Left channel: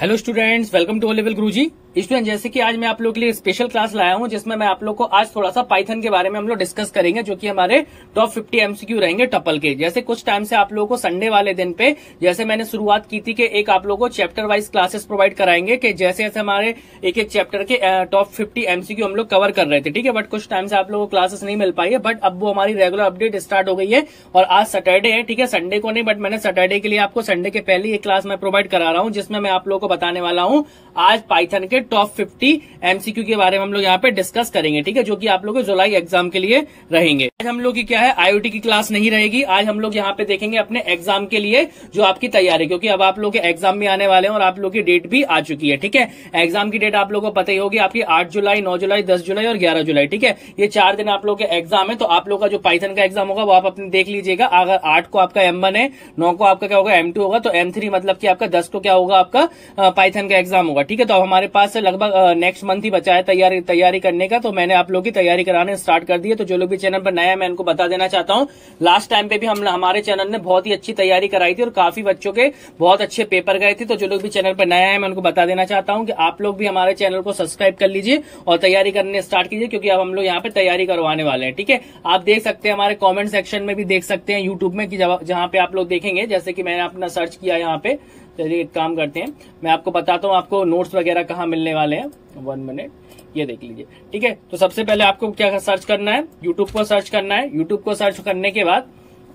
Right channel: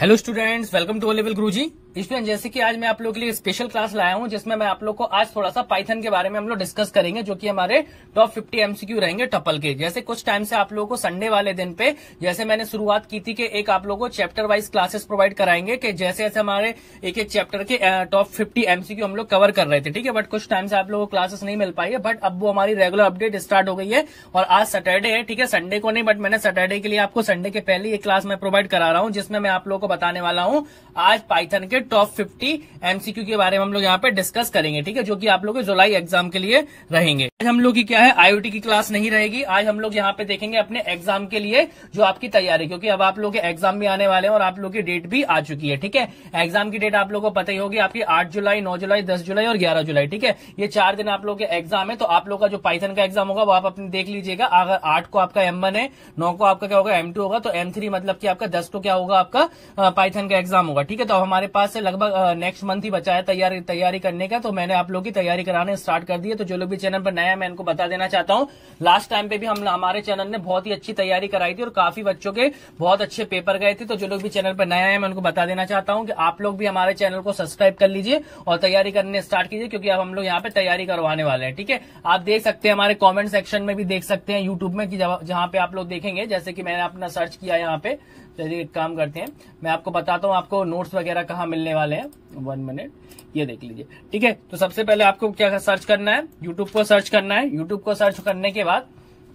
Hello students, welcome to O level Guruji. Student, जैसे कि आज मैं आप लोगों के लिए स्पेशल क्लास लाया हूं जिसमें मैं आप लोग को आज थोड़ा सा पाइथन के बारे में हम लोग डिस्कस करेंगे, जो कि हमारे टॉप 50 एमसीक्यू रहेंगे टपल के। जैसे कुछ टाइम से आप लोगों को संडे वाले दिन पे जैसे मैंने शुरुआत की थी कि एक आप लोगों को चैप्टर वाइज क्लासेस प्रोवाइड कराएंगे कि जैसे जैसे हमारे एक एक चैप्टर के टॉप 50 एमसीक्यू हम लोग कवर कर रहे थे, ठीक है। बट कुछ टाइम से आप लोगों को क्लासेस नहीं मिल पाई है, बट अब वो हमारी रेगुलर अपडेट स्टार्ट हो गई है और आज सैटरडे है, ठीक है। संडे को नहीं, बट मैंने सैटरडे के लिए आपको संडे के पहले एक क्लास मैं प्रोवाइड करा रहा हूं जिसमें मैं आप लोगों को बताने वाला हूं आज पाइथन के टॉप 50 एमसीक्यू के बारे में हम लोग यहाँ पे डिस्कस करेंगे, ठीक है, जो कि आप लोग के जुलाई एग्जाम के लिए रहेंगे। आज हम लोग की क्या है, आईओटी की क्लास नहीं रहेगी। आज हम लोग यहाँ पे देखेंगे अपने एग्जाम के लिए जो आपकी तैयारी, क्योंकि अब आप लोग के एग्जाम भी आने वाले हैं और आप लोग की डेट भी आ चुकी है, ठीक है। एग्जाम की डेट आप लोग को पता ही होगी, आपकी 8 जुलाई, 9 जुलाई, 10 जुलाई और 11 जुलाई, ठीक है। ये 4 दिन आप लोग के एग्जाम है। तो आप लोग का जो पाइथन का एग्जाम होगा वो आप अपने देख लीजिएगा। अगर 8 को आपका M1 है, 9 को आपका क्या होगा M2 होगा, तो M3 मतलब कि आपका 10 को क्या होगा, आपका पाइथन का एग्जाम होगा, ठीक है। तो हमारे पास लगभग नेक्स्ट मंथ ही बचा है तैयारी करने का, तो मैंने आप लोग की तैयारी कराने स्टार्ट कर दी है। तो जो लोग भी चैनल पर नया है मैं इनको बता देना चाहता हूं, लास्ट टाइम पे भी हमारे चैनल ने बहुत ही अच्छी तैयारी कराई थी और काफी बच्चों के बहुत अच्छे पेपर गए थे। तो जो लोग भी चैनल पर नया है मैं उनको बता देना चाहता हूं कि आप लोग भी हमारे चैनल को सब्सक्राइब कर लीजिए और तैयारी करने स्टार्ट कीजिए, क्योंकि अब हम लोग यहाँ पे तैयारी करवाने वाले हैं, ठीक है। आप देख सकते हैं हमारे कॉमेंट सेक्शन में भी देख सकते हैं यूट्यूब में, जहां पे आप लोग देखेंगे, जैसे कि मैंने अपना सर्च किया यहाँ पे। चलिए एक काम करते हैं, मैं आपको बताता हूँ आपको नोट्स वगैरह कहाँ मिलने वाले हैं। 1 मिनट, ये देख लीजिए, ठीक है। तो सबसे पहले आपको क्या सर्च करना है, यूट्यूब को सर्च करना है। यूट्यूब को सर्च करने के बाद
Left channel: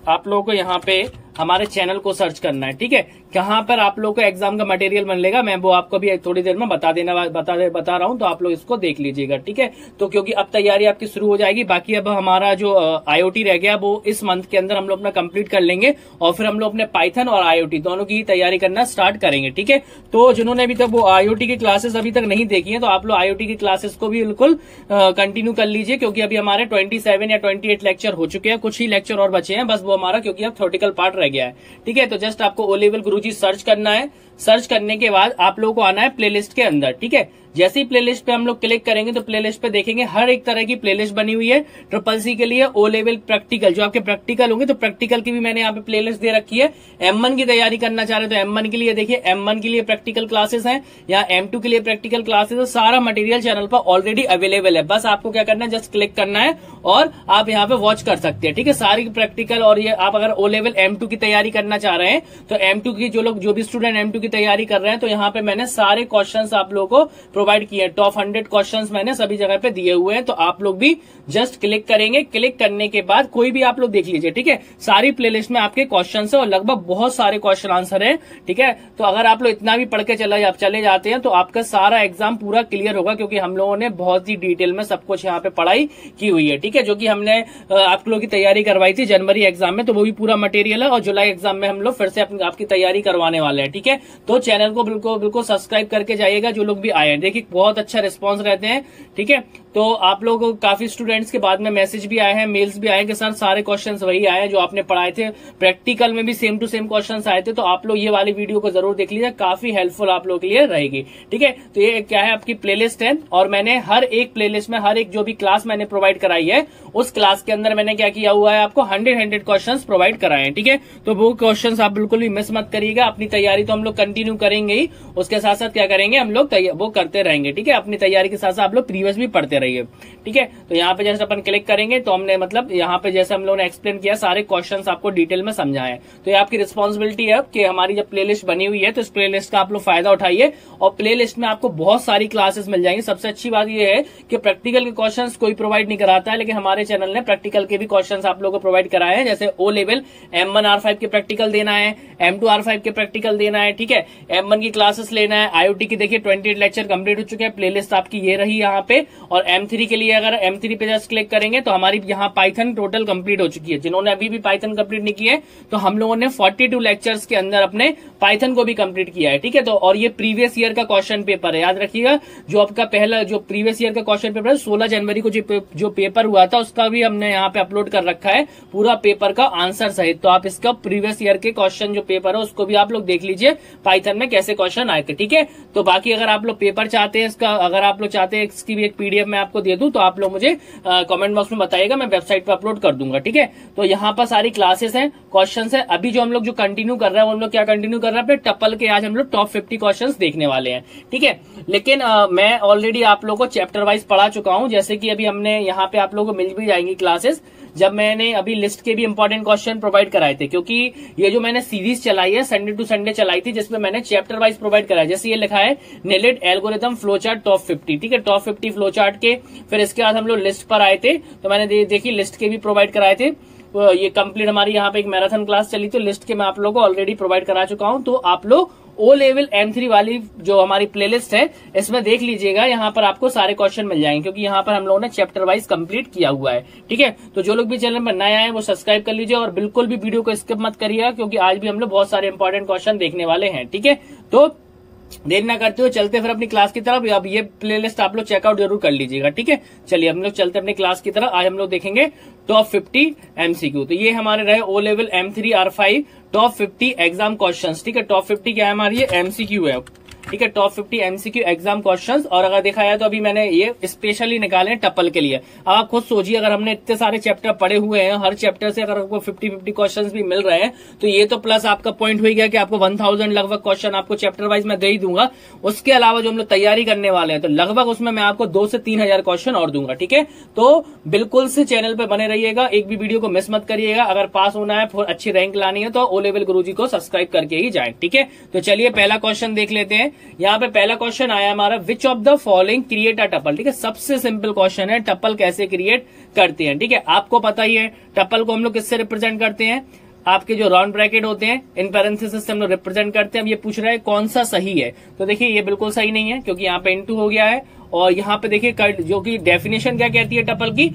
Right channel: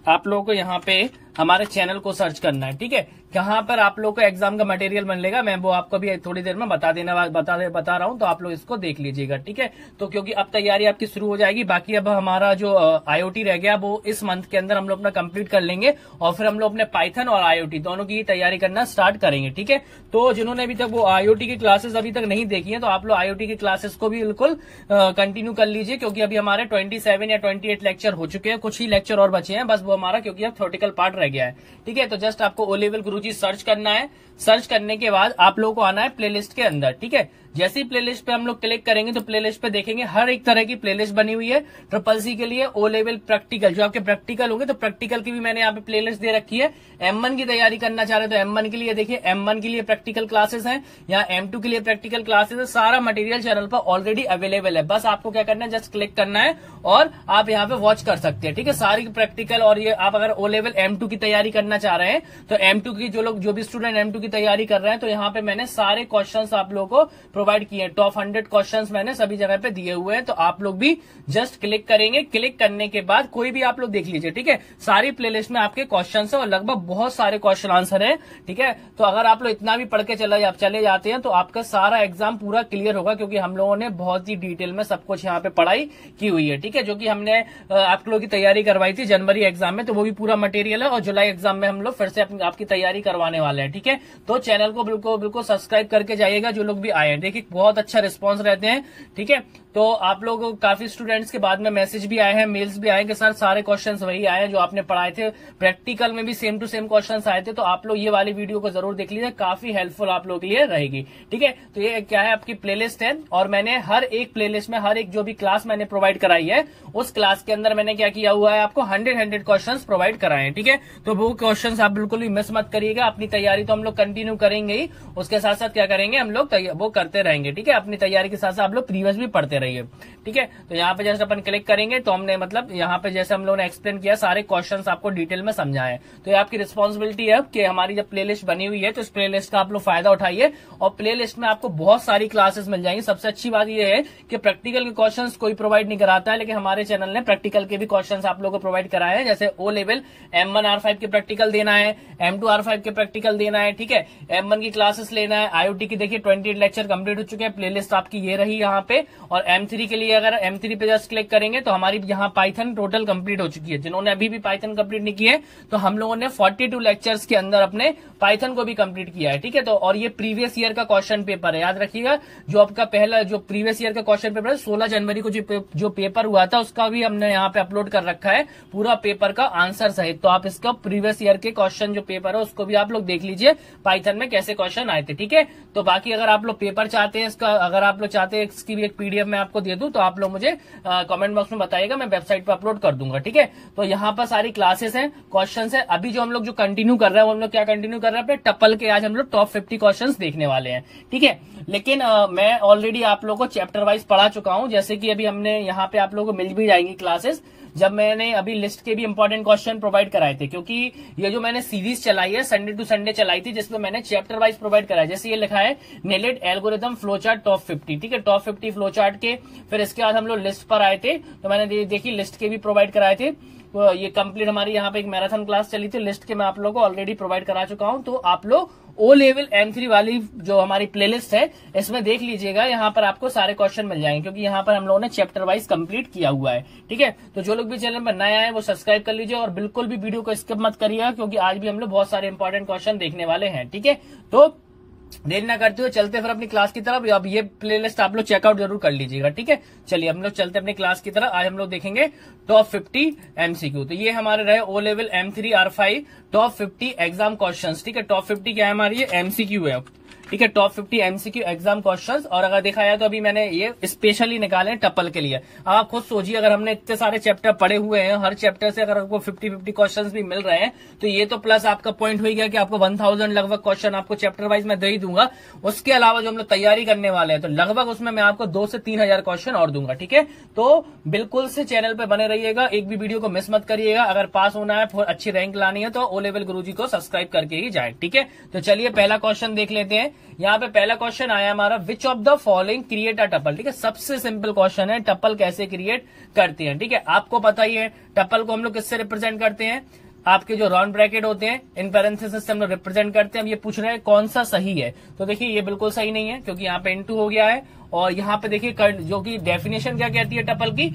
आप लोगों को यहाँ पे हमारे चैनल को सर्च करना है, ठीक है। कहाँ पर आप लोगों को एग्जाम का मटेरियल मिलेगा मैं वो आपको भी थोड़ी देर में बता रहा हूँ, तो आप लोग इसको देख लीजिएगा, ठीक है। तो क्योंकि अब तैयारी आपकी शुरू हो जाएगी, बाकी अब हमारा जो आईओटी रह गया वो इस मंथ के अंदर हम लोग अपना कंप्लीट कर लेंगे और फिर हम लोग अपने पाइथन और आईओटी दोनों की तैयारी करना स्टार्ट करेंगे, ठीक है। तो जिन्होंने अभी तक वो आईओटी की क्लासेस अभी तक नहीं देखी है, तो आप लोग आईओटी की क्लासेस को भी बिल्कुल कंटिन्यू कर लीजिए, क्योंकि अभी हमारे 27 या 28 लेक्चर हो चुके हैं, कुछ ही लेक्चर और बचे हैं बस, वो हमारा क्योंकि अब थ्योरेटिकल पार्ट रह गया है, ठीक है। तो जस्ट आपको ओ लेवल गुरुजी सर्च करना है। सर्च करने के बाद आप लोगों को आना है प्लेलिस्ट के अंदर, ठीक है। जैसे ही प्लेलिस्ट पे हम लोग क्लिक करेंगे तो प्लेलिस्ट पे देखेंगे हर एक तरह की प्लेलिस्ट बनी हुई है। ट्रिपल सी के लिए ओ लेवल प्रैक्टिकल, जो आपके प्रैक्टिकल होंगे तो प्रैक्टिकल की भी मैंने यहाँ पे प्लेलिस्ट दे रखी है। M1 की तैयारी करना चाह रहे हो तो M1 के लिए देखिए, M1 के लिए प्रैक्टिकल क्लासेस हैं, यहाँ M2 के लिए प्रैक्टिकल क्लासेस है। सारा मटेरियल चैनल पर ऑलरेडी अवेलेबल है, बस आपको क्या करना है, जस्ट क्लिक करना है और आप यहाँ पे वॉच कर सकते हैं, ठीक है। सारी प्रैक्टिकल, और ये आप अगर ओ लेवल M2 की तैयारी करना चाह रहे हैं तो M2 की जो भी स्टूडेंट M2 की तैयारी कर रहे हैं, तो यहाँ पे मैंने सारे क्वेश्चंस आप लोगों को प्रोवाइड किए। टॉप 100 क्वेश्चंस मैंने सभी जगह पे दिए हुए हैं, तो आप लोग भी जस्ट क्लिक करेंगे। क्लिक करने के बाद कोई भी आप लोग देख लीजिए, ठीक है। सारी प्लेलिस्ट में आपके क्वेश्चंस है और लगभग बहुत सारे क्वेश्चन आंसर है, ठीक है। तो अगर आप लोग इतना भी पढ़ के चले जाते हैं तो आपका सारा एग्जाम पूरा क्लियर होगा, क्योंकि हम लोगों ने बहुत ही डिटेल में सब कुछ यहाँ पे पढ़ाई की हुई है, ठीक है। जो कि हमने आप लोगों की तैयारी करवाई थी जनवरी एग्जाम में, तो वो भी पूरा मटेरियल है और जुलाई एग्जाम में हम लोग फिर से आपकी तैयारी करवाने वाले हैं, ठीक है। तो चैनल को बिल्कुल सब्सक्राइब करके जाइएगा जो लोग भी आए हैं। देखिए बहुत अच्छा रिस्पॉन्स रहते हैं, ठीक है। तो आप लोग काफी स्टूडेंट्स के बाद में मैसेज भी आए हैं, मेल्स भी आए हैं कि सर सारे क्वेश्चंस वही आए हैं जो आपने पढ़ाए थे। प्रैक्टिकल में भी सेम टू सेम क्वेश्चंस आए थे, तो आप लोग ये वाली वीडियो को जरूर देख लीजिए, काफी हेल्पफुल आप लोग के लिए रहेगी, ठीक है। तो ये क्या है, आपकी प्लेलिस्ट है और मैंने हर एक प्लेलिस्ट में हर एक जो भी क्लास मैंने प्रोवाइड कराई है उस क्लास के अंदर मैंने क्या किया हुआ है, आपको 100 क्वेश्चन प्रोवाइड कराए हैं, ठीक है। तो वो क्वेश्चन आप बिल्कुल भी मिस मत करिएगा। अपनी तैयारी तो हम लोग कंटिन्यू करेंगे ही, उसके साथ साथ क्या करेंगे हम लोग वो करते रहेंगे, ठीक है। अपनी तैयारी के साथ साथ आप लोग प्रीवियस भी पढ़ते रहिए, ठीक है। तो यहाँ पे जैसे अपन क्लिक करेंगे तो हमने मतलब यहाँ पे जैसे हम लोगों ने एक्सप्लेन किया सारे क्वेश्चंस आपको डिटेल में समझाए। तो ये आपकी रिस्पॉन्सिबिलिटी है कि हमारी जब प्लेलिस्ट बनी हुई है तो इस प्लेलिस्ट का आप लोग फायदा उठाइए और प्लेलिस्ट में आपको बहुत सारी क्लासेस मिल जाएंगी। सबसे अच्छी बात यह है कि प्रैक्टिकल के क्वेश्चंस कोई प्रोवाइड नहीं कराता है, लेकिन हमारे चैनल ने प्रैक्टिकल के भी क्वेश्चंस आप लोगों को प्रोवाइड कराए हैं। जैसे ओ लेवल M1 R5 के प्रैक्टिकल देना है, M2 R5 के प्रैक्टिकल देना है, ठीक है। M1 की क्लासेस लेना है। आईओटी की देखिए 28 लेक्चर कंप्लीट हो चुके हैं, प्लेलिस्ट आपकी ये रही यहाँ पे। और M3 के लिए अगर M3 पे जस्ट क्लिक करेंगे तो हमारी यहाँ पाइथन टोटल कंप्लीट हो चुकी है। जिन्होंने अभी भी पाइथन कंप्लीट नहीं किया है तो हम लोगों ने 42 लेक्चर्स के अंदर अपने पाइथन को भी कंप्लीट किया है, ठीक है। तो और ये प्रीवियस ईयर का क्वेश्चन पेपर है, याद रखिएगा। जो आपका पहला जो प्रीवियस ईयर का क्वेश्चन पेपर है 16 जनवरी को जो पेपर हुआ था उसका भी हमने यहाँ पे अपलोड कर रखा है, पूरा पेपर का आंसर सहित। तो आप इसका प्रीवियस ईयर के क्वेश्चन जो पेपर है उसको भी आप लोग देख लीजिए, पाइथन में कैसे क्वेश्चन आए थे, ठीक है। तो बाकी अगर आप लोग पेपर चाहते हैं इसका, अगर आप लोग चाहते हैं इसकी भी एक पीडीएफ मैं आपको दे दूं तो आप लोग मुझे कमेंट बॉक्स में बताइएगा, मैं वेबसाइट पर अपलोड कर दूंगा। ठीक है, तो यहाँ पर सारी क्लासेस हैं, क्वेश्चंस है। अभी जो हम लोग जो कंटिन्यू कर रहे हैं, हम लोग क्या कंटिन्यू कर रहे हैं अपने टपल के। आज हम लोग टॉप 50 क्वेश्चंस देखने वाले हैं। ठीक है, लेकिन मैं ऑलरेडी आप लोगों को चैप्टर वाइज पढ़ा चुका हूं, जैसे कि अभी हमने यहाँ पे आप लोगों को मिल भी जाएंगी क्लासेस, जब मैंने अभी लिस्ट के भी इंपॉर्टेंट क्वेश्चन प्रोवाइड कराए थे, क्योंकि ये जो मैंने सीरीज चलाई है संडे टू संडे चलाई थी, जिसमें मैंने चैप्टर वाइज प्रोवाइड कराया। जैसे ये लिखा है नेलेड एल्गोरिथम फ्लो चार्ट टॉप 50। ठीक है, टॉप 50 फ्लो चार्ट के, फिर इसके बाद हम लोग लिस्ट पर आए थे, तो मैंने देखी लिस्ट के भी प्रोवाइड कराए थे। तो ये कंप्लीट हमारी यहाँ पे एक मैराथन क्लास चली थी, लिस्ट के मैं आप लोगों को ऑलरेडी प्रोवाइड करा चुका हूं। तो आप लोग ओ लेवल M3 वाली जो हमारी प्लेलिस्ट है इसमें देख लीजिएगा, यहाँ पर आपको सारे क्वेश्चन मिल जाएंगे, क्योंकि यहाँ पर हम लोगों ने चैप्टर वाइज कंप्लीट किया हुआ है। ठीक है, तो जो लोग भी चैनल में नए आए वो सब्सक्राइब कर लीजिए और बिल्कुल भी वीडियो को स्किप मत करिएगा, क्योंकि आज भी हम लोग बहुत सारे इंपॉर्टेंट क्वेश्चन देखने वाले हैं। ठीक है, तो देर ना करते हो चलते फिर अपनी क्लास की तरफ। अब ये प्लेलिस्ट आप लोग चेकआउट जरूर कर लीजिएगा। ठीक है, चलिए हम लोग चलते अपनी क्लास की तरफ। आज हम लोग देखेंगे टॉप 50 MCQ। तो ये हमारे रहे O level M3 R5 top 50 exam questions. ठीक है, टॉप 50 क्या है हमारी, ये MCQ है। ठीक है, टॉप 50 MCQ एग्जाम क्वेश्चंस। और अगर देखा जाए तो अभी मैंने ये स्पेशली निकाले हैं टपल के लिए। अब आप खुद सोचिए, अगर हमने इतने सारे चैप्टर पढ़े हुए हैं, हर चैप्टर से अगर आपको 50 क्वेश्चंस भी मिल रहे हैं, तो ये तो प्लस आपका पॉइंट हो गया कि आपको 1000 लगभग क्वेश्चन आपको चैप्टर वाइज मैं दे ही दूंगा। उसके अलावा जो हम लोग तैयारी करने वाले हैं, तो लगभग उसमें मैं आपको 2 से 3000 क्वेश्चन और दूंगा। ठीक है, तो बिल्कुल से चैनल पर बने रहिएगा, एक भी वीडियो को मिस मत करिएगा। अगर पास होना है, अच्छी रैंक लानी है, तो ओ लेवल गुरुजी को सब्सक्राइब करके ही जाए। ठीक है, तो चलिए पहला क्वेश्चन देख लेते हैं। यहाँ पे पहला क्वेश्चन आया हमारा, विच of the following create a tuple. ठीक है, सबसे सिंपल क्वेश्चन है, टपल कैसे क्रिएट करते हैं। ठीक है, आपको पता ही है टपल को हम लोग किससे रिप्रेजेंट करते हैं, आपके जो राउंड ब्रैकेट होते हैं इन पैरेंथेसिस से हम लोग रिप्रेजेंट करते हैं। अब ये पूछ रहा है कौन सा सही है, तो देखिए ये बिल्कुल सही नहीं है, क्योंकि यहाँ पे इनटू हो गया है। और यहाँ पे देखिए जो कि डेफिनेशन क्या कहती है टपल की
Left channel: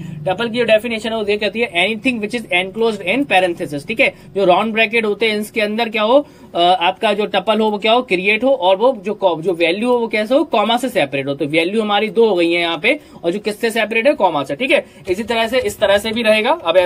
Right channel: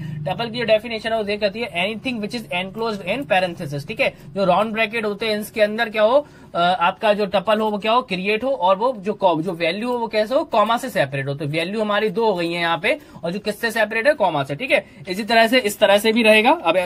जो डेफिनेशन है वो ये कहती है anything which is enclosed in parenthesis. ठीक है, जो राउंड ब्रैकेट होते हैं इसके अंदर क्या हो, आपका जो टपल हो वो क्या हो, क्रिएट हो, और वो जो वैल्यू हो वो कैसे हो, कॉमा से सेपरेट हो। तो वैल्यू हमारी 2 हो गई है यहाँ पे, और जो किससे सेपरेट है, कॉमा से। ठीक है, इसी तरह से इस तरह से भी रहेगा। अब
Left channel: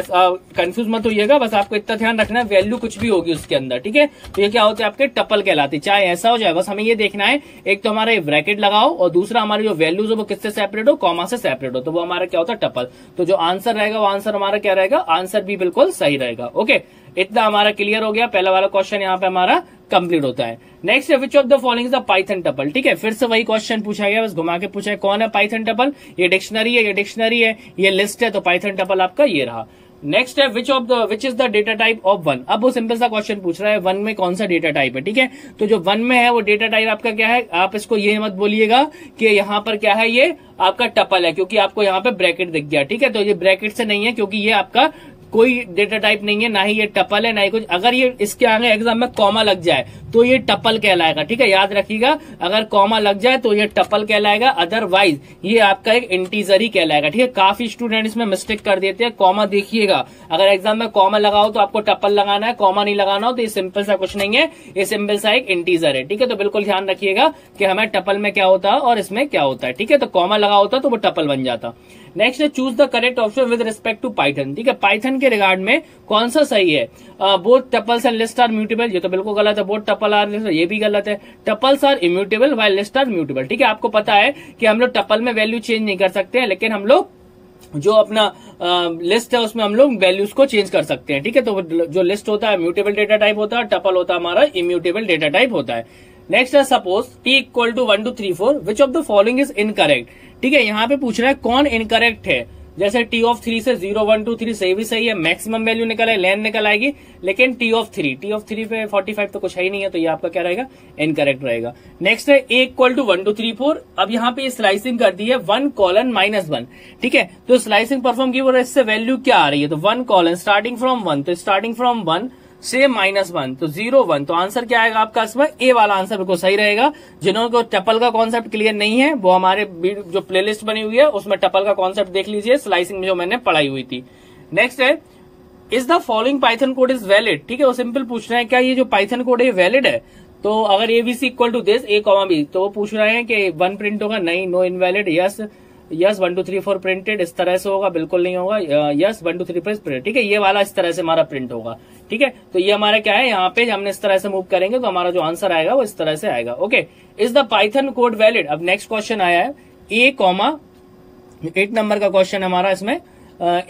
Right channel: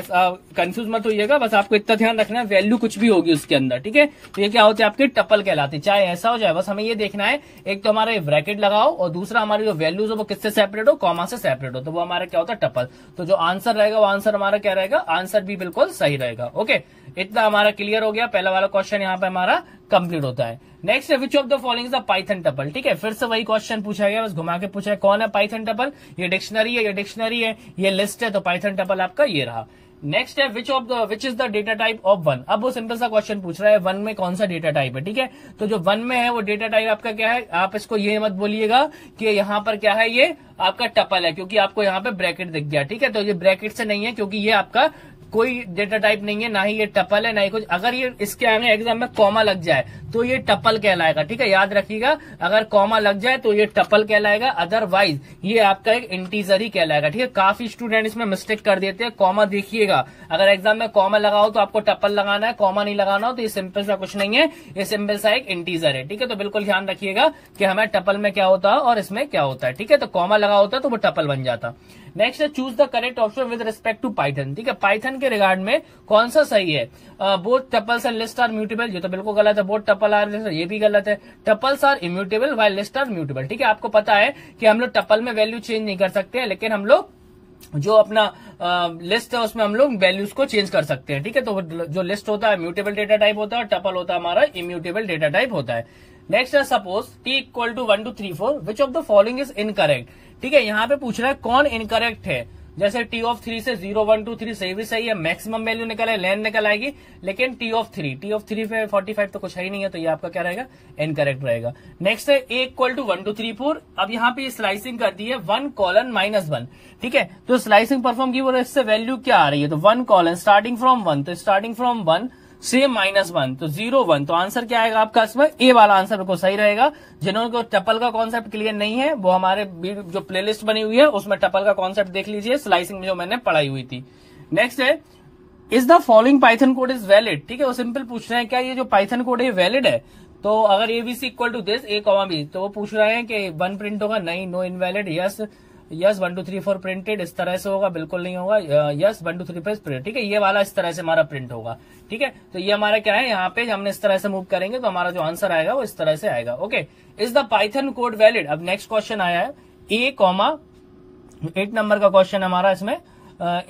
कंफ्यूज मत होइएगा, बस आपको इतना ध्यान रखना है, वैल्यू कुछ भी होगी उसके अंदर। ठीक है, तो ये क्या होते हैं आपके टपल कहलाते, चाहे ऐसा हो जाए, बस हमें ये देखना है एक तो हमारे ब्रैकेट लगाओ, और दूसरा हमारे जो वैल्यूज हो वो किससे सेपरेट हो, कॉमा से सेपरेट हो, तो वो हमारा क्या होता है, टपल। तो जो आंसर रहेगा वो आंसर हमारा क्या रहेगा, आंसर भी बिल्कुल सही रहेगा। ओके, इतना हमारा क्लियर हो गया। पहला वाला क्वेश्चन यहाँ पे हमारा कंप्लीट होता है। नेक्स्ट है which of the following is a Python tuple. ठीक है, फिर से वही क्वेश्चन पूछा गया, बस घुमा के पूछा है कौन है पाइथन टपल। ये डिक्शनरी है, ये डिक्शनरी है, ये लिस्ट है, तो पाइथन टपल आपका ये रहा। नेक्स्ट है which is the data type of 1। अब वो सिंपल सा क्वेश्चन पूछ रहा है 1 में कौन सा डेटा टाइप है। ठीक है, तो जो 1 में है वो डेटा टाइप आपका क्या है, आप इसको ये मत बोलिएगा कि यहाँ पर क्या है, ये आपका टपल है, क्योंकि आपको यहाँ पे ब्रैकेट दिख गया। ठीक है, तो ये ब्रैकेट से नहीं है, क्योंकि ये आपका कोई डेटा टाइप नहीं है, ना ही ये टपल है, ना ही कुछ। अगर ये इसके आगे एग्जाम में कॉमा लग जाए तो ये टपल कहलाएगा। ठीक है, याद रखिएगा, अगर कॉमा लग जाए तो ये टपल कहलाएगा, अदरवाइज ये आपका एक इंटीजर ही कहलाएगा। ठीक है, काफी स्टूडेंट इसमें मिस्टेक कर देते हैं, कॉमा देखिएगा, अगर एग्जाम में कॉमा लगाओ तो आपको टपल लगाना है, कॉमा नहीं लगाना हो तो ये सिंपल सा कुछ नहीं है, ये सिंपल सा एक इंटीजर है। ठीक है, तो बिल्कुल ध्यान रखिएगा कि हमें टपल में क्या होता है और इसमें क्या होता है। ठीक है, तो कॉमा लगा होता तो वो टपल बन जाता। नेक्स्ट है choose the correct option with respect to Python. ठीक है, पाइथन के रिगार्ड में कौन सा सही है, both tuples and list are mutable, ये तो बिल्कुल गलत है। बोथ टपल आर, ये भी गलत है। Tuples are immutable while list are mutable. ठीक है, आपको पता है कि हम लोग टपल में वैल्यू चेंज नहीं कर सकते हैं, लेकिन हम लोग जो अपना लिस्ट है उसमें हम लोग वैल्यूज को चेंज कर सकते हैं। ठीक है, तो जो लिस्ट होता है म्यूटेबल डेटा टाइप होता है, टपल होता है हमारा इम्यूटेबल डेटा टाइप होता है। नेक्स्ट है suppose t equal to 1 2 3 4 which of the following is incorrect. ठीक है, यहाँ पे पूछ रहा है कौन इनकरेक्ट है। जैसे t ऑफ 3 से 0 1 2 3 सही भी सही है, मैक्सिमम वैल्यू निकल है, लेंथ निकल आएगी, लेकिन t ऑफ 3 पे 45 तो कुछ है ही नहीं है, तो ये आपका क्या रहेगा, इनकरेक्ट रहेगा। नेक्स्ट है a इक्वल टू 1 2 3 4। अब यहाँ पे स्लाइसिंग कर दी है 1 कॉलन -1। ठीक है, तो स्लाइसिंग परफॉर्म की और इससे वैल्यू क्या आ रही है, तो 1 कॉलन स्टार्टिंग फ्रॉम 1, तो स्टार्टिंग फ्रॉम 1 से -1, तो 0 1, तो आंसर क्या आएगा आपका इसमें, ए वाला आंसर बिल्कुल सही रहेगा। जिन्होंने को टपल का कॉन्सेप्ट क्लियर नहीं है वो हमारे जो प्लेलिस्ट बनी हुई है उसमें टपल का कॉन्सेप्ट देख लीजिए, स्लाइसिंग में जो मैंने पढ़ाई हुई थी। नेक्स्ट है is the following Python code is valid. ठीक है, वो सिंपल पूछ रहे हैं क्या ये जो पाइथन कोड है वैलिड है। तो अगर ABC equal to this A, B, तो वो पूछ रहे हैं कि 1 प्रिंट होगा, नहीं, no invalid, yes, yes 1 2 3 4 printed, इस तरह से होगा, बिल्कुल नहीं होगा। यस 1 2 3 प्रिंट, ठीक है, ये वाला इस तरह से हमारा प्रिंट होगा। ठीक है, तो ये हमारा क्या है, यहाँ पे हमने इस तरह से मूव करेंगे तो हमारा जो आंसर आएगा वो इस तरह से आएगा। Okay, is the Python code valid. अब नेक्स्ट क्वेश्चन आया है ए कॉमा 8 नंबर का क्वेश्चन हमारा इसमें,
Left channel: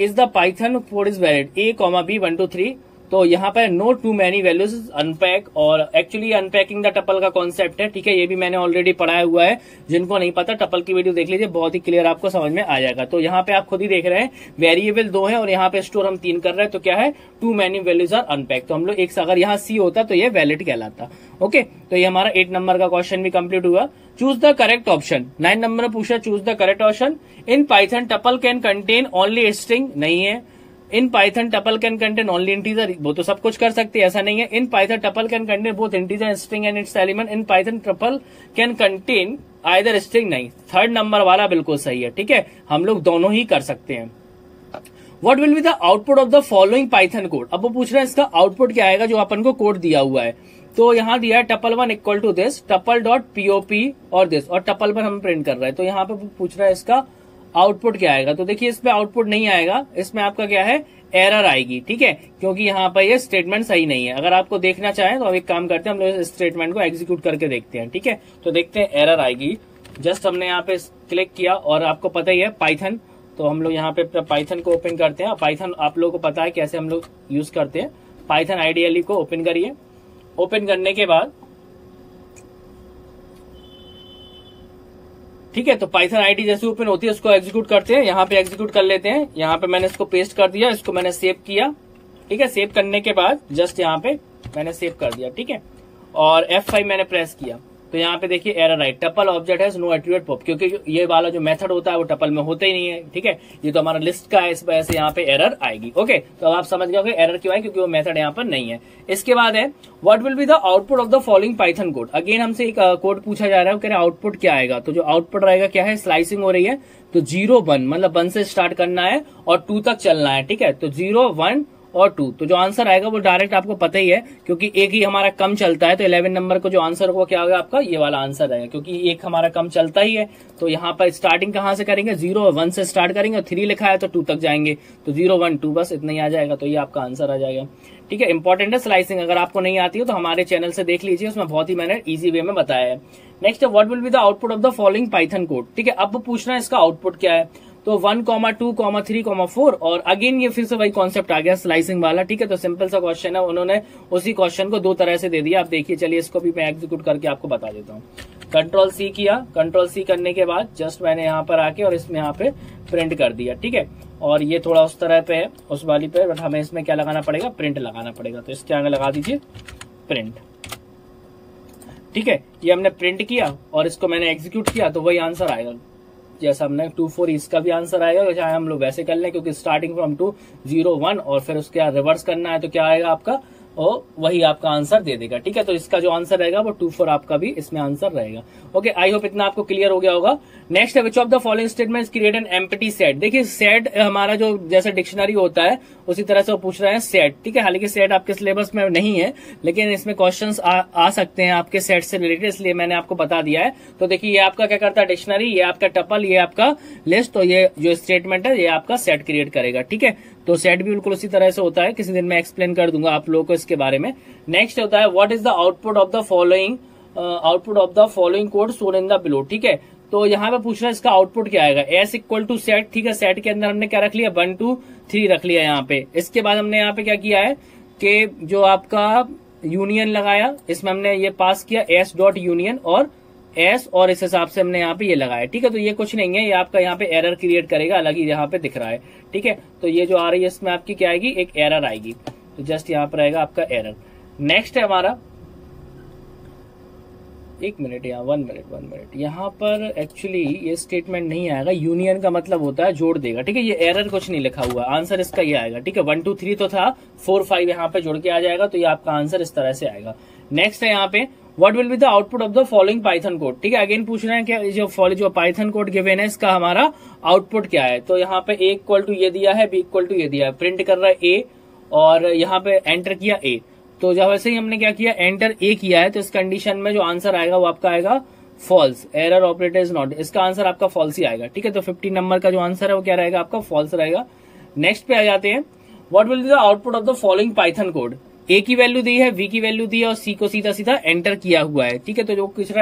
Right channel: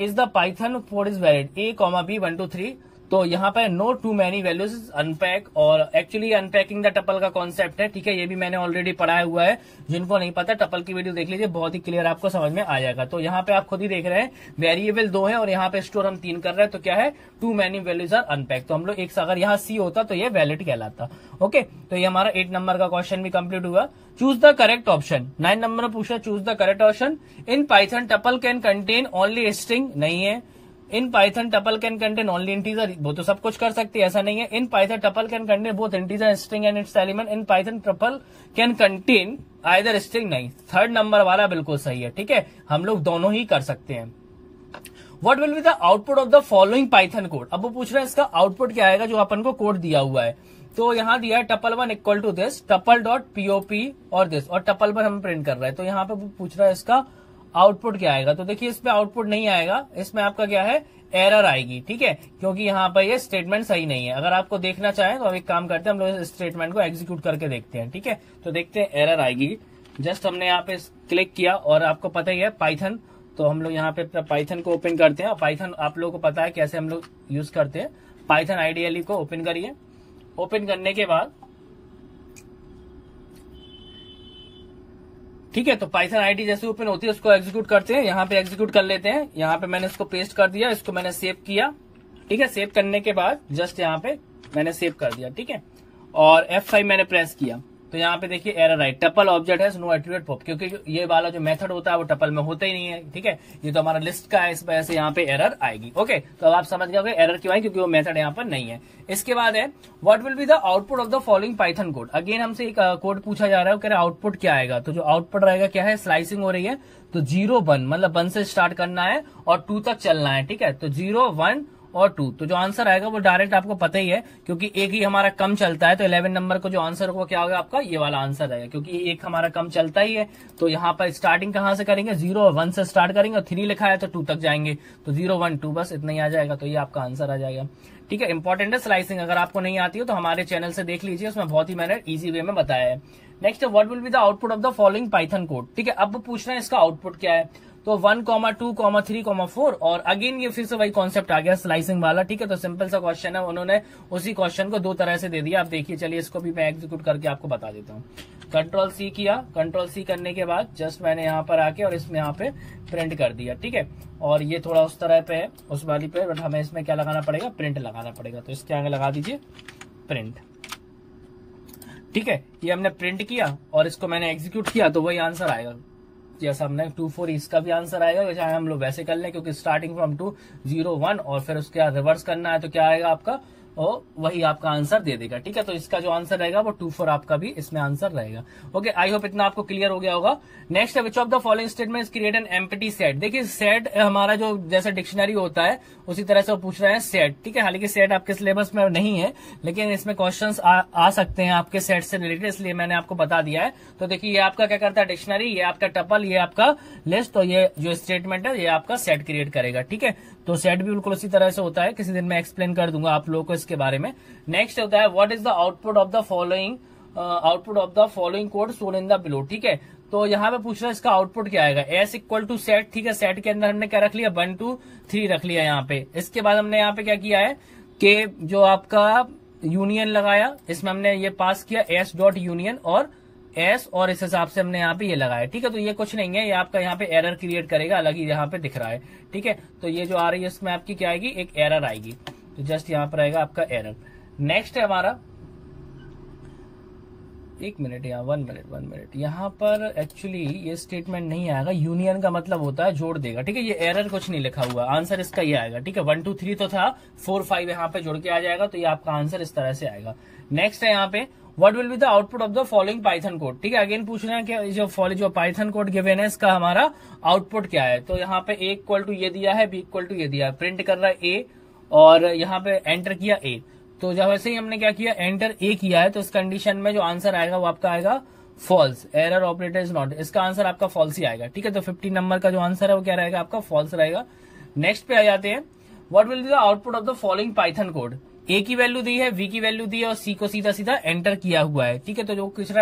is the Python code is valid A comma B 1 2 3। तो यहाँ पे no too many values unpack, और एक्चुअली अनपैकिंग द टपल का कॉन्सेप्ट है। ठीक है, ये भी मैंने ऑलरेडी पढ़ाया हुआ है, जिनको नहीं पता टपल की वीडियो देख लीजिए, बहुत ही क्लियर आपको समझ में आ जाएगा। तो यहाँ पे आप खुद ही देख रहे हैं वेरिएबल 2 है और यहाँ पे स्टोर हम 3 कर रहे हैं, तो क्या है, too many values are unpack. तो हम लोग एक अगर यहाँ सी होता तो ये वैलिड कहलाता। ओके, तो ये हमारा 8 नंबर का क्वेश्चन भी कंप्लीट हुआ। Choose the correct option. 9 number पूछा choose the correct option. In Python tuple can contain only string, नहीं है। In Python tuple can contain only integer, वो तो सब कुछ कर सकती है, ऐसा नहीं है। In Python tuple can contain both integer string and it's element. In Python tuple can contain either string, नहीं। 3rd नंबर वाला बिल्कुल सही है। ठीक है, हम लोग दोनों ही कर सकते हैं। What will be the output of the following Python code. अब वो पूछ रहा है इसका आउटपुट क्या आएगा, जो अपन को कोड दिया हुआ है। तो यहाँ दिया है tuple 1 equal to this, tuple dot POP और दिस, और टपल 1 हम प्रिंट कर रहे हैं। तो यहाँ पे पूछ रहा है इसका आउटपुट क्या आएगा। तो देखिए इसमें आउटपुट नहीं आएगा, इसमें आपका क्या है, एरर आएगी। ठीक है, क्योंकि यहाँ पर ये स्टेटमेंट सही नहीं है। अगर आपको देखना चाहें तो हम एक काम करते हैं, हम लोग इस स्टेटमेंट को एग्जीक्यूट करके देखते हैं। ठीक है, तो देखते हैं एरर आएगी। जस्ट हमने यहाँ पे क्लिक किया और आपको पता ही है पाइथन, तो हम लोग यहाँ पे पाइथन को ओपन करते हैं। पाइथन आप लोगों को पता है कैसे हम लोग यूज करते हैं। पाइथन आईडीएलई को ओपन करिए। ओपन करने के बाद ठीक है, तो पाइथन आईडी जैसे ओपन होती है उसको एग्जीक्यूट करते हैं। यहाँ पे एग्जीक्यूट कर लेते हैं। यहाँ पे मैंने इसको पेस्ट कर दिया, इसको मैंने सेव किया। ठीक है, सेव करने के बाद जस्ट यहाँ पे मैंने सेव कर दिया। ठीक है, और F5 मैंने प्रेस किया तो यहाँ पे देखिए एरर आई, टपल ऑब्जेक्ट है नो एट्रीब्यूट पॉप, क्योंकि ये वाला जो मेथड होता है वो टपल में होता ही नहीं है। ठीक है, ये तो हमारा लिस्ट का है, इस वजह से यहाँ पे एरर आएगी। ओके, तो अब आप समझ गए एरर क्यों आई, क्योंकि वो मेथड यहाँ पर नहीं है। इसके बाद है what will be the output of the following Python code. Again हमसे एक कोड पूछा जा रहा है, कह रहे आउटपुट क्या आएगा। तो जो आउटपुट रहेगा क्या है, स्लाइसिंग हो रही है, तो 0 1 मतलब 1 से स्टार्ट करना है और 2 तक चलना है। ठीक है, तो 0 1 और 2, तो जो आंसर आएगा वो डायरेक्ट आपको पता ही है, क्योंकि एक ही हमारा कम चलता है। तो 11 नंबर को जो आंसर होगा क्या होगा आपका, ये वाला आंसर आएगा, क्योंकि एक हमारा कम चलता ही है। तो यहाँ पर स्टार्टिंग कहाँ से करेंगे, 0 और 1 से स्टार्ट करेंगे, और 3 लिखा है तो 2 तक जाएंगे, तो 0 1 2 बस इतना ही आ जाएगा। तो ये आपका आंसर आ जाएगा। ठीक है, इंपॉर्टेंट है स्लाइसिंग, अगर आपको नहीं आती हो तो हमारे चैनल से देख लीजिए, उसमें बहुत ही मैंने इजी वे में बताया है। नेक्स्ट है what will be the output of the following Python code. ठीक है, अब पूछना है इसका आउटपुट क्या है। तो 1, 2, 3, 4, और अगेन ये फिर से वही कॉन्सेप्ट आ गया स्लाइसिंग वाला। ठीक है, तो सिंपल सा क्वेश्चन है, उन्होंने उसी क्वेश्चन को 2 तरह से दे दिया। आप देखिए, चलिए इसको भी मैं एग्जीक्यूट करके आपको बता देता हूँ। कंट्रोल सी किया, कंट्रोल सी करने के बाद जस्ट मैंने यहाँ पर आके और इसमें यहाँ पे प्रिंट कर दिया। ठीक है, और ये थोड़ा उस तरह पे है, उस वाली पे, बट हमें इसमें क्या लगाना पड़ेगा, प्रिंट लगाना पड़ेगा। तो इसके आगे लगा दीजिए प्रिंट। ठीक है, ये हमने प्रिंट किया और इसको मैंने एग्जीक्यूट किया, तो वही आंसर आएगा जैसा हमने 2 4 इसका भी आंसर आएगा, चाहे हम लोग वैसे कर लें, क्योंकि स्टार्टिंग फ्रॉम 2 0 1 और फिर उसके बाद रिवर्स करना है, तो क्या आएगा आपका, और वही आपका आंसर दे देगा। ठीक है, तो इसका जो आंसर रहेगा वो 2 4 आपका भी इसमें आंसर रहेगा। ओके, आई होप इतना आपको क्लियर हो गया होगा। नेक्स्ट है which of the following statements create an empty set. देखिए सेट हमारा जो जैसे डिक्शनरी होता है उसी तरह से वो पूछ रहे हैं सेट। ठीक है, हालांकि सेट आपके सिलेबस में नहीं है, लेकिन इसमें क्वेश्चंस आ सकते हैं आपके सेट से रिलेटेड, इसलिए मैंने आपको बता दिया है। तो देखिए ये आपका क्या करता है, डिक्शनरी, ये आपका टपल, ये आपका लिस्ट, तो ये जो स्टेटमेंट है ये आपका सेट क्रिएट करेगा। ठीक है, तो सेट भी बिल्कुल उसी तरह से होता है, किसी दिन मैं एक्सप्लेन कर दूंगा आप लोगों को इसके बारे में। नेक्स्ट होता है what is the output of the following code shown in the below. ठीक है, तो यहाँ पे पूछना है इसका आउटपुट क्या आएगा, एस इक्वल टू सेट। ठीक है, सेट के अंदर हमने क्या रख लिया, 1 2 3 रख लिया यहाँ पे। इसके बाद हमने यहाँ पे क्या किया है कि जो आपका यूनियन लगाया, इसमें हमने ये पास किया एस डॉट यूनियन और एस, और इस हिसाब से हमने यहाँ पे ये लगाया। ठीक है, तो ये कुछ नहीं है, ये आपका यहाँ पे एरर क्रिएट करेगा, अलग ही यहाँ पे दिख रहा है। ठीक है, तो ये जो आ रही है इसमें आपकी क्या आएगी, एक एरर आएगी, तो जस्ट यहाँ पर आएगा आपका एरर। नेक्स्ट है हमारा, 1 मिनट, यहाँ 1 मिनट, यहाँ पर एक्चुअली ये स्टेटमेंट नहीं आएगा। यूनियन का मतलब होता है जोड़ देगा। ठीक है, ये एरर कुछ नहीं लिखा हुआ, आंसर इसका ये आएगा। ठीक है, 1 2 3 तो था, 4 5 यहाँ पे जुड़ के आ जाएगा, तो ये आपका आंसर इस तरह से आएगा। नेक्स्ट है यहाँ पे what will be the output of the following Python code. ठीक है, अगेन पूछ रहे हैं कि जो पाइथन कोड गिवन है इसका हमारा आउटपुट क्या है। तो यहाँ पे ए इक्वल टू ये दिया है, बी इक्वल टू ये दिया है, प्रिंट कर रहा है ए, और यहाँ पे एंटर किया ए। तो जब वैसे ही हमने क्या किया, एंटर ए किया है, तो इस कंडीशन में जो आंसर आएगा वो आपका आएगा false, error operator is not, इसका आंसर आपका फॉल्स ही आएगा। ठीक है, तो 15 नंबर का जो आंसर है वो क्या रहेगा आपका, फॉल्स रहेगा। नेक्स्ट पे आ जाते हैं, what will be the output of the following Python code. A की वैल्यू दी है, वी की वैल्यू दी है और सी को सीधा सीधा एंटर किया हुआ है। ठीक है, तो जो कुछ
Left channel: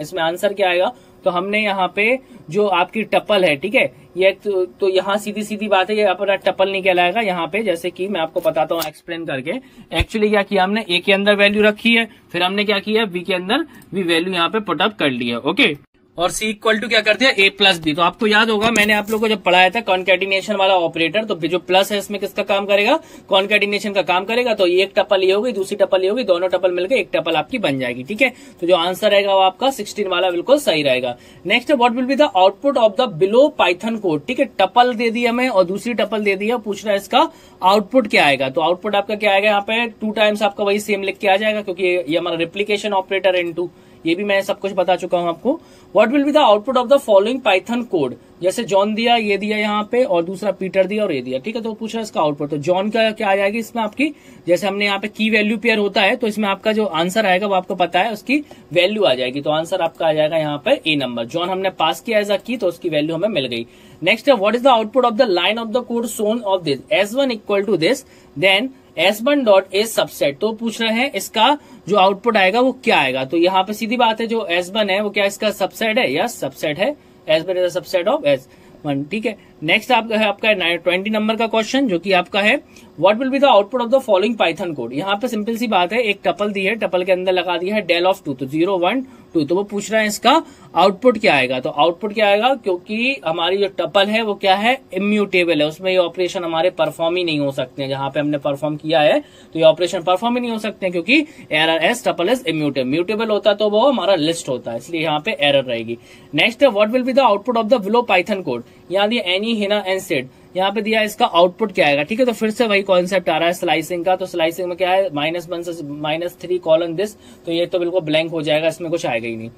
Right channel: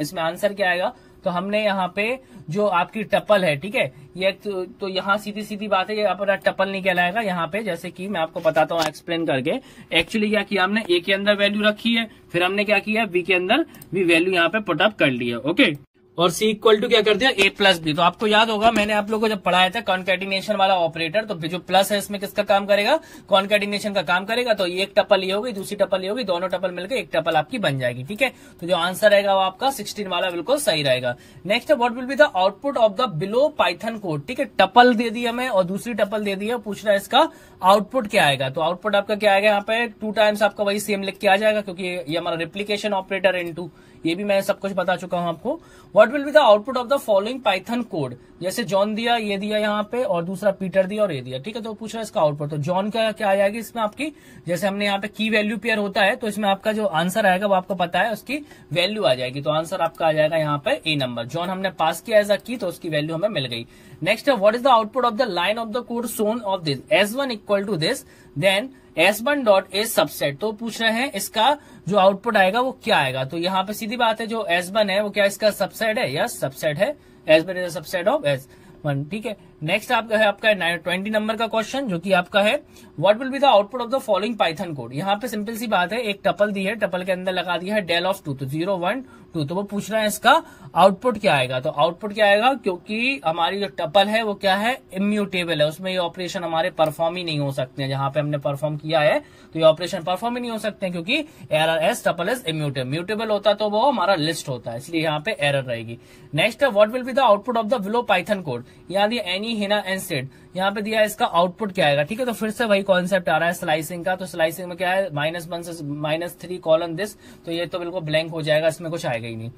इसमें आंसर क्या आएगा, तो हमने यहाँ पे जो आपकी टपल है, ठीक है, ये तो यहाँ सीधी सीधी बात है, ये अपना टपल नहीं कहलाएगा यहाँ पे। जैसे कि मैं आपको बताता हूँ एक्सप्लेन करके, एक्चुअली क्या किया हमने, ए के अंदर वैल्यू रखी है, फिर हमने क्या किया, वी के अंदर भी वैल्यू यहाँ पे पुटअप कर ली है। ओके, और सी इक्वल टू क्या कर दिया, ए प्लस बी। तो आपको याद होगा मैंने आप लोगों को जब पढ़ाया था कॉन्कैटिनेशन वाला ऑपरेटर, तो जो प्लस है इसमें किसका काम करेगा, कॉन्कैटिनेशन का काम करेगा। तो एक टपल ये होगी, दूसरी टपल ये होगी, दोनों टपल मिलकर एक टपल आपकी बन जाएगी। ठीक है, तो जो आंसर रहेगा वो आपका 16 वाला बिल्कुल सही रहेगा। Next, what will be the output of the below Python code. ठीक है, टपल दे दी हमें और दूसरी टपल दे दी है, पूछ रहा है इसका आउटपुट क्या आएगा। तो आउटपुट आपका क्या आएगा, यहाँ पे 2 टाइम्स आपका वही सेम लिख के आ जाएगा, क्योंकि ये हमारा रिप्लीकेशन ऑपरेटर इनटू, ये भी मैं सब कुछ बता चुका हूं आपको। What will be the output of the following Python code. जैसे जॉन दिया, ये दिया यहाँ पे, और दूसरा पीटर दिया और ये दिया। ठीक है, तो पूछ रहा है इसका आउटपुट। तो जॉन का क्या आ जाएगी इसमें आपकी, जैसे हमने यहाँ पे की वैल्यू पेयर होता है, तो इसमें आपका जो आंसर आएगा वो आपको पता है, उसकी वैल्यू आ जाएगी। तो आंसर आपका आ जाएगा यहाँ पे ए नंबर। जॉन हमने पास किया एज अ की, तो उसकी वैल्यू हमें मिल गई। Next, what is the output of the line of the code shown of this, S1 equal to this, then S1 dot is subset. तो पूछ रहे हैं इसका जो आउटपुट आएगा वो क्या आएगा। तो यहाँ पे सीधी बात है, जो S1 है वो क्या इसका सबसेट है, यस सबसेट है, S1 is a subset of S1। ठीक है, नेक्स्ट आपका 20 नंबर का क्वेश्चन जो कि आपका है, what will be the output of the following Python code. यहाँ पे सिंपल सी बात है, एक टपल दी है, टपल के अंदर लगा दिया है डेल ऑफ 2, तो 0 1 2, तो वो पूछ रहा है इसका आउटपुट क्या आएगा। तो आउटपुट क्या आएगा, क्योंकि हमारी जो टपल है वो क्या है, इम्यूटेबल है, उसमें ये ऑपरेशन हमारे परफॉर्म ही नहीं हो सकते हैं। जहां पे हमने परफॉर्म किया है तो ये ऑपरेशन परफॉर्म ही नहीं हो सकते हैं, क्योंकि error S tuple is immutable, mutable होता तो वो हमारा लिस्ट होता है, इसलिए यहाँ पे एरर रहेगी। Next, what will be the output of the below Python code. यहाँ दिया एनी, हिना एंड सेड, यहाँ पे दिया इसका आउटपुट क्या आएगा। ठीक है, तो फिर से वही कॉन्सेप्ट आ रहा है स्लाइसिंग का। तो स्लाइसिंग में क्या है, -1 से -3 कॉलन दिस, तो ये तो बिल्कुल ब्लैंक हो जाएगा, इसमें कुछ आएगा ही नहीं।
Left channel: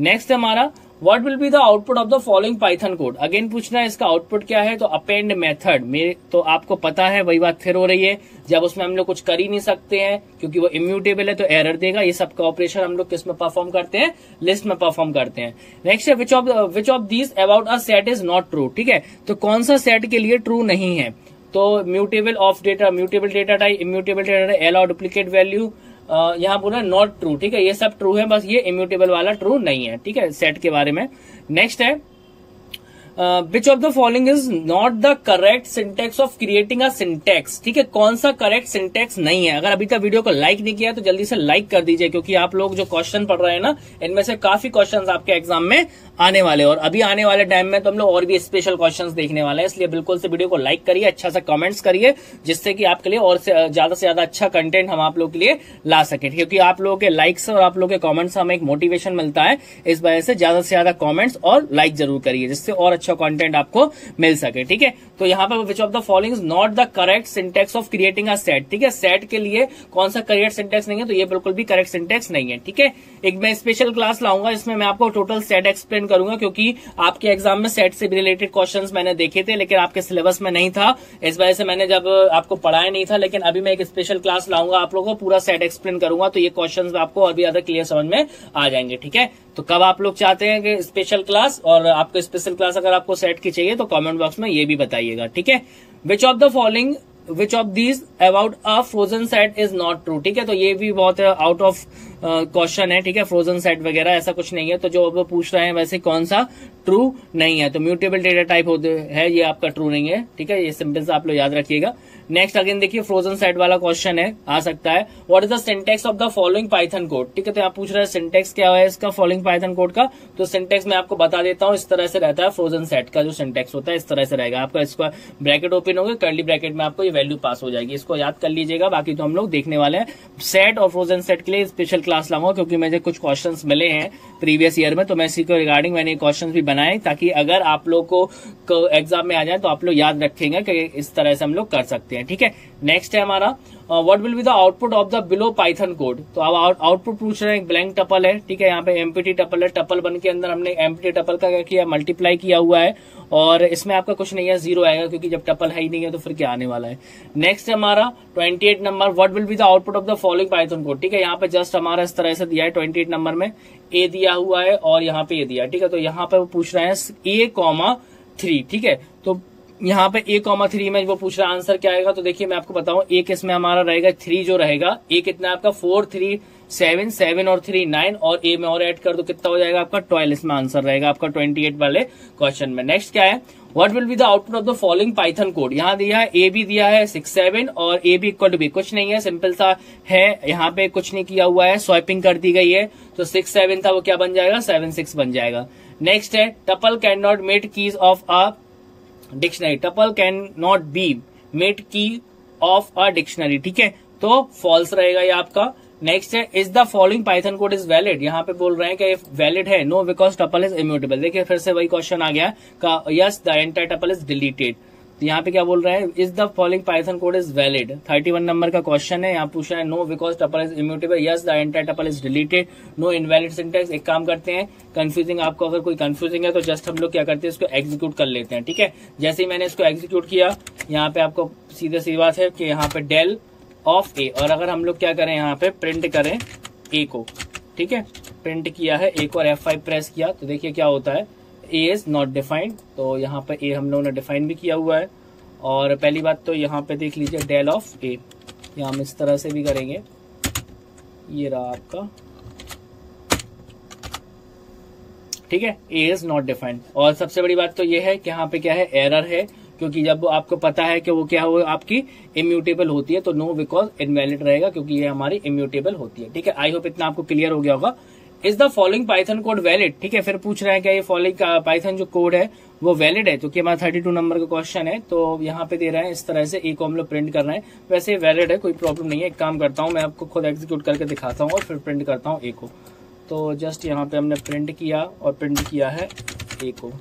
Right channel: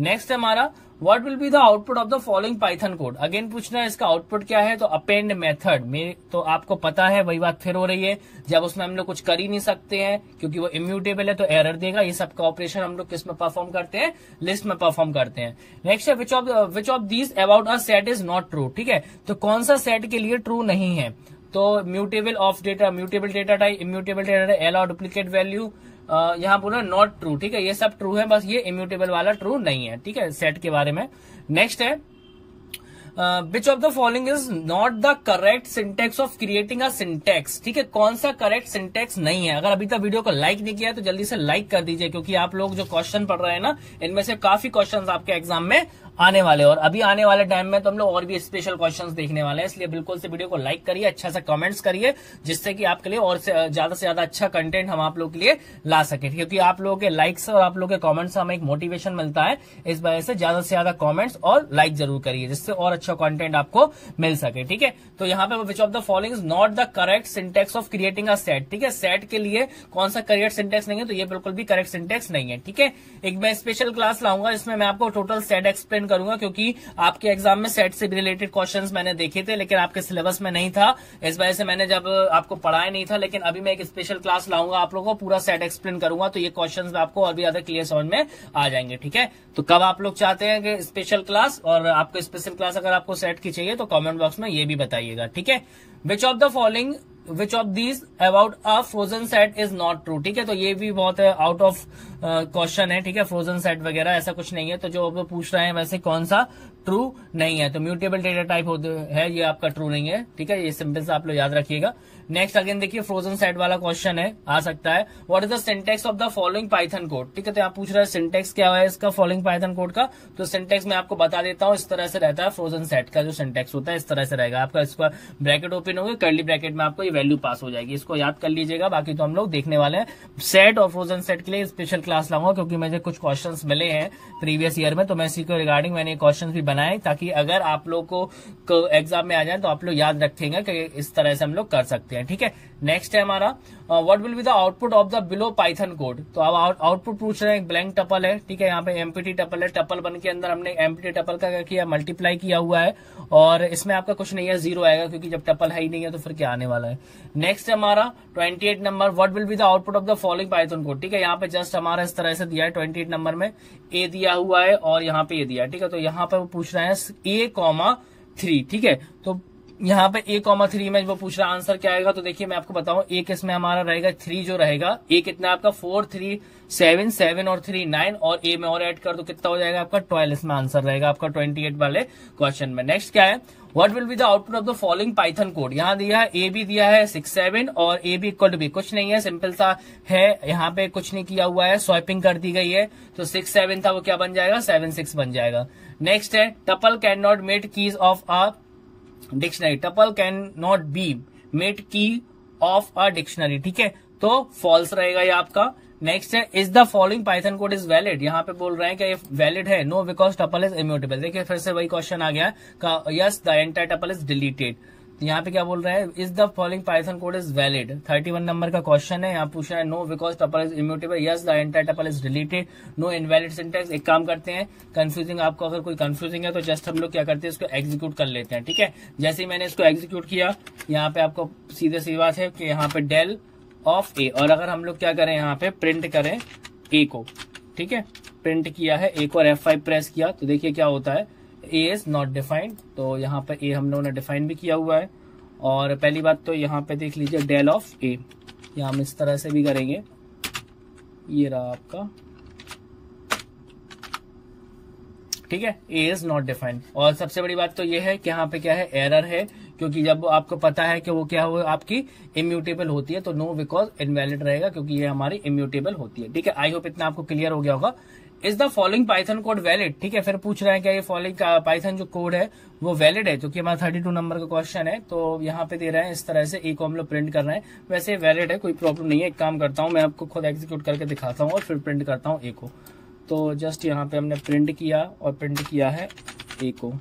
नेक्स्ट है हमारा, what will be the output of the following Python code. Again पूछना है इसका आउटपुट क्या है, तो अपेंड मेथड में तो आपको पता है वही बात फिर हो रही है, जब उसमें हम लोग कुछ कर ही नहीं सकते हैं क्योंकि वो इम्यूटेबल है तो एरर देगा। ये सब का ऑपरेशन हम लोग किस में परफॉर्म करते हैं, लिस्ट में परफॉर्म करते हैं। नेक्स्ट है, which of these about a set is not true. ठीक है, तो कौन सा सेट के लिए ट्रू नहीं है, तो mutable of data, mutable data type, immutable data type, allow duplicate value, यहाँ बोला नॉट ट्रू। ठीक है, ये सब ट्रू है, बस ये इम्यूटेबल वाला ट्रू नहीं है। ठीक है, सेट के बारे में। नेक्स्ट है, which of the following is not the correct syntax of creating a syntax. ठीक है, कौन सा करेक्ट सिंटेक्स नहीं है। अगर अभी तक वीडियो को लाइक नहीं किया तो जल्दी से लाइक कर दीजिए, क्योंकि आप लोग जो क्वेश्चन पढ़ रहे हैं ना, इनमें से काफी क्वेश्चन आपके एग्जाम में आने वाले, और अभी आने वाले टाइम में तो हम लोग और भी स्पेशल क्वेश्चंस देखने वाले हैं। इसलिए बिल्कुल से वीडियो को लाइक करिए, अच्छा सा कमेंट्स करिए, जिससे कि आपके लिए और ज्यादा से ज्यादा अच्छा कंटेंट हम आप लोग के लिए ला सके, क्योंकि आप लोगों के लाइक्स और आप लोगों के कमेंट्स हमें एक मोटिवेशन मिलता है। इस वजह से ज्यादा कमेंट्स और लाइक जरूर करिए, जिससे और अच्छा कंटेंट आपको मिल सके। ठीक है, तो यहाँ पे which of the following is not the correct syntax of creating a set. ठीक है, सेट के लिए कौन सा करेक्ट सिंटेक्स नहीं है, तो ये बिल्कुल भी करेक्ट सिंटेक्स नहीं है। ठीक है, एक मैं स्पेशल क्लास लाऊंगा, इसमें मैं आपको टोटल सेट एक्सप्लेन करूंगा, क्योंकि आपके एग्जाम में सेट से रिलेटेड क्वेश्चंस मैंने देखे थे, लेकिन आपके सिलेबस में नहीं था, इस वजह से मैंने जब आपको पढ़ाया नहीं था। लेकिन अभी मैं एक स्पेशल क्लास लाऊंगा, आप लोगों को पूरा सेट एक्सप्लेन करूंगा, तो ये क्वेश्चंस आपको और भी ज्यादा क्लियर समझ में आ जाएंगे। ठीक है, तो कब आप लोग चाहते हैं कि स्पेशल क्लास, और आपको स्पेशल क्लास अगर आपको सेट की चाहिए तो कमेंट बॉक्स में ये भी बताइएगा। ठीक है, which of the following, which of these about a frozen set is not true. ठीक है, तो ये भी बहुत आउट ऑफ क्वेश्चन है। ठीक है, फ्रोजन सेट वगैरह ऐसा कुछ नहीं है, तो जो वो पूछ रहे हैं वैसे कौन सा ट्रू नहीं है, तो म्यूटेबल डेटा टाइप है, ये आपका ट्रू नहीं है। ठीक है, ये सिंपल से आप लोग याद रखिएगा। नेक्स्ट अगेन देखिए, फ्रोजन सेट वाला क्वेश्चन है, आ सकता है, what is the syntax of the following Python code. ठीक है, तो आप पूछ रहे हैं सिंटेक्स क्या है इसका फॉलोइंग पाइथन कोड का, तो सिंटेक्स मैं आपको बता देता हूँ, इस तरह से रहता है। फ्रोजन सेट का जो सिंटेक्स होता है इस तरह से रहेगा आपका, इसका ब्रैकेट ओपन होगा, कर्ली ब्रैकेट में आपको ये वैल्यू पास हो जाएगी, इसको याद कर लीजिएगा। बाकी तो हम लोग देखने वाले हैं सेट और फ्रोजन सेट के लिए स्पेशल क्लास लाऊंगा, क्योंकि मुझे कुछ क्वेश्चन मिले हैं प्रीवियस ईयर में, तो मैं इसी को रिगार्डिंग मैंने क्वेश्चन भी बनाए, ताकि अगर आप लोग को एग्जाम में आ जाए तो आप लोग याद रखेंगे कि इस तरह से हम लोग कर सकते हैं। हैं, ठीक है। नेक्स्ट है हमारा what will be the output of the below Python code. तो अब आउटपुट पूछ रहे हैं, एक ब्लैंक टपल है, ठीक है, यहाँ पे एम्प्टी टपल है, टपल वन के अंदर हमने एम्प्टी टपल का क्या किया, मल्टीप्लाई किया हुआ है, और इसमें आपका कुछ नहीं है, 0 आएगा, क्योंकि जब टपल है ही नहीं है तो फिर क्या आने वाला है। नेक्स्ट हमारा 28 number, what will be the output of the following Python code, ठीक है। यहाँ पे जस्ट हमारा इस तरह से दिया है, 28 नंबर में ए दिया हुआ है और यहाँ पे ए दिया है, ठीक है। तो यहाँ पे वो पूछ रहे हैं A,3, ठीक है। तो यहाँ पे A,3 में वो पूछ रहा है आंसर क्या आएगा। तो देखिए मैं आपको बताऊं, ए किसमें हमारा रहेगा, 3 जो रहेगा, ए कितना आपका 4, 3, 7, 7 और 3 9, और ए में और ऐड कर दो कितना हो जाएगा आपका 12, इसमें आंसर रहेगा आपका 28 वाले क्वेश्चन में। नेक्स्ट क्या है, what will be the output of the following Python code. यहाँ दिया है ए भी दिया है 6, 7 और ए भी इक्वल टू बी, कुछ नहीं है, सिंपल सा है, यहाँ पे कुछ नहीं किया हुआ है, स्वैपिंग कर दी गई है। तो 6, 7 था वो क्या बन जाएगा, 7, 6 बन जाएगा। नेक्स्ट है tuple can not made keys of a dictionary, tuple can not be made key of a dictionary, ठीक है। तो फॉल्स रहेगा ये आपका। नेक्स्ट है is the following Python code is valid, यहाँ पे बोल रहे हैं कि ये वैलिड है, no because tuple is immutable. देखिए फिर से वही क्वेश्चन आ गया का yes the entire tuple is deleted. तो यहाँ पे क्या बोल रहे हैं, is the following Python code is valid, 31 number का क्वेश्चन है। यहाँ पूछा है no because tuple is immutable, yes the entire tuple is deleted, no invalid syntax. एक काम करते हैं, कंफ्यूजिंग आपको अगर कोई कंफ्यूजिंग है तो जस्ट हम लोग क्या करते हैं, इसको एग्जीक्यूट कर लेते हैं, ठीक है। जैसे ही मैंने इसको एग्जीक्यूट किया, यहाँ पे आपको सीधे सी बात है कि यहाँ पे डेल ऑफ ए, और अगर हम लोग क्या करें, यहाँ पे प्रिंट करें ए को, ठीक है, प्रिंट किया है ए को और F5 प्रेस किया, तो देखिए क्या होता है, ए इज नॉट डिफाइंड। तो यहाँ पे ए हम लोगों ने डिफाइन भी किया हुआ है। और पहली बात तो यहाँ पे देख लीजिए डेल ऑफ ए, यहाँ हम इस तरह से भी करेंगे, ये रहा आपका, ठीक है, ए इज नॉट डिफाइंड। और सबसे बड़ी बात तो ये है कि यहाँ पे क्या है, एरर है, क्योंकि जब आपको पता है कि वो क्या हो आपकी इम्यूटेबल होती है तो नो बिकॉज इनवैलिड रहेगा, क्योंकि ये हमारी इम्यूटेबल होती है, ठीक है। आई होप इतना आपको क्लियर हो गया होगा। Is the following Python code valid, ठीक है। फिर पूछ रहा है कि ये फॉलोइंग पाइथन जो कोड है वो वैलिड है, क्योंकि हमारा 32 नंबर का क्वेश्चन है। तो यहाँ पे दे रहे हैं इस तरह से, ए को हम लोग प्रिंट कर रहे हैं, वैसे वैलिड है, कोई प्रॉब्लम नहीं है। एक काम करता हूँ, मैं आपको खुद एग्जीक्यूट करके दिखाता हूँ और फिर प्रिंट करता हूँ ए को। तो जस्ट यहाँ पे हमने प्रिंट किया और प्रिंट किया है ए को,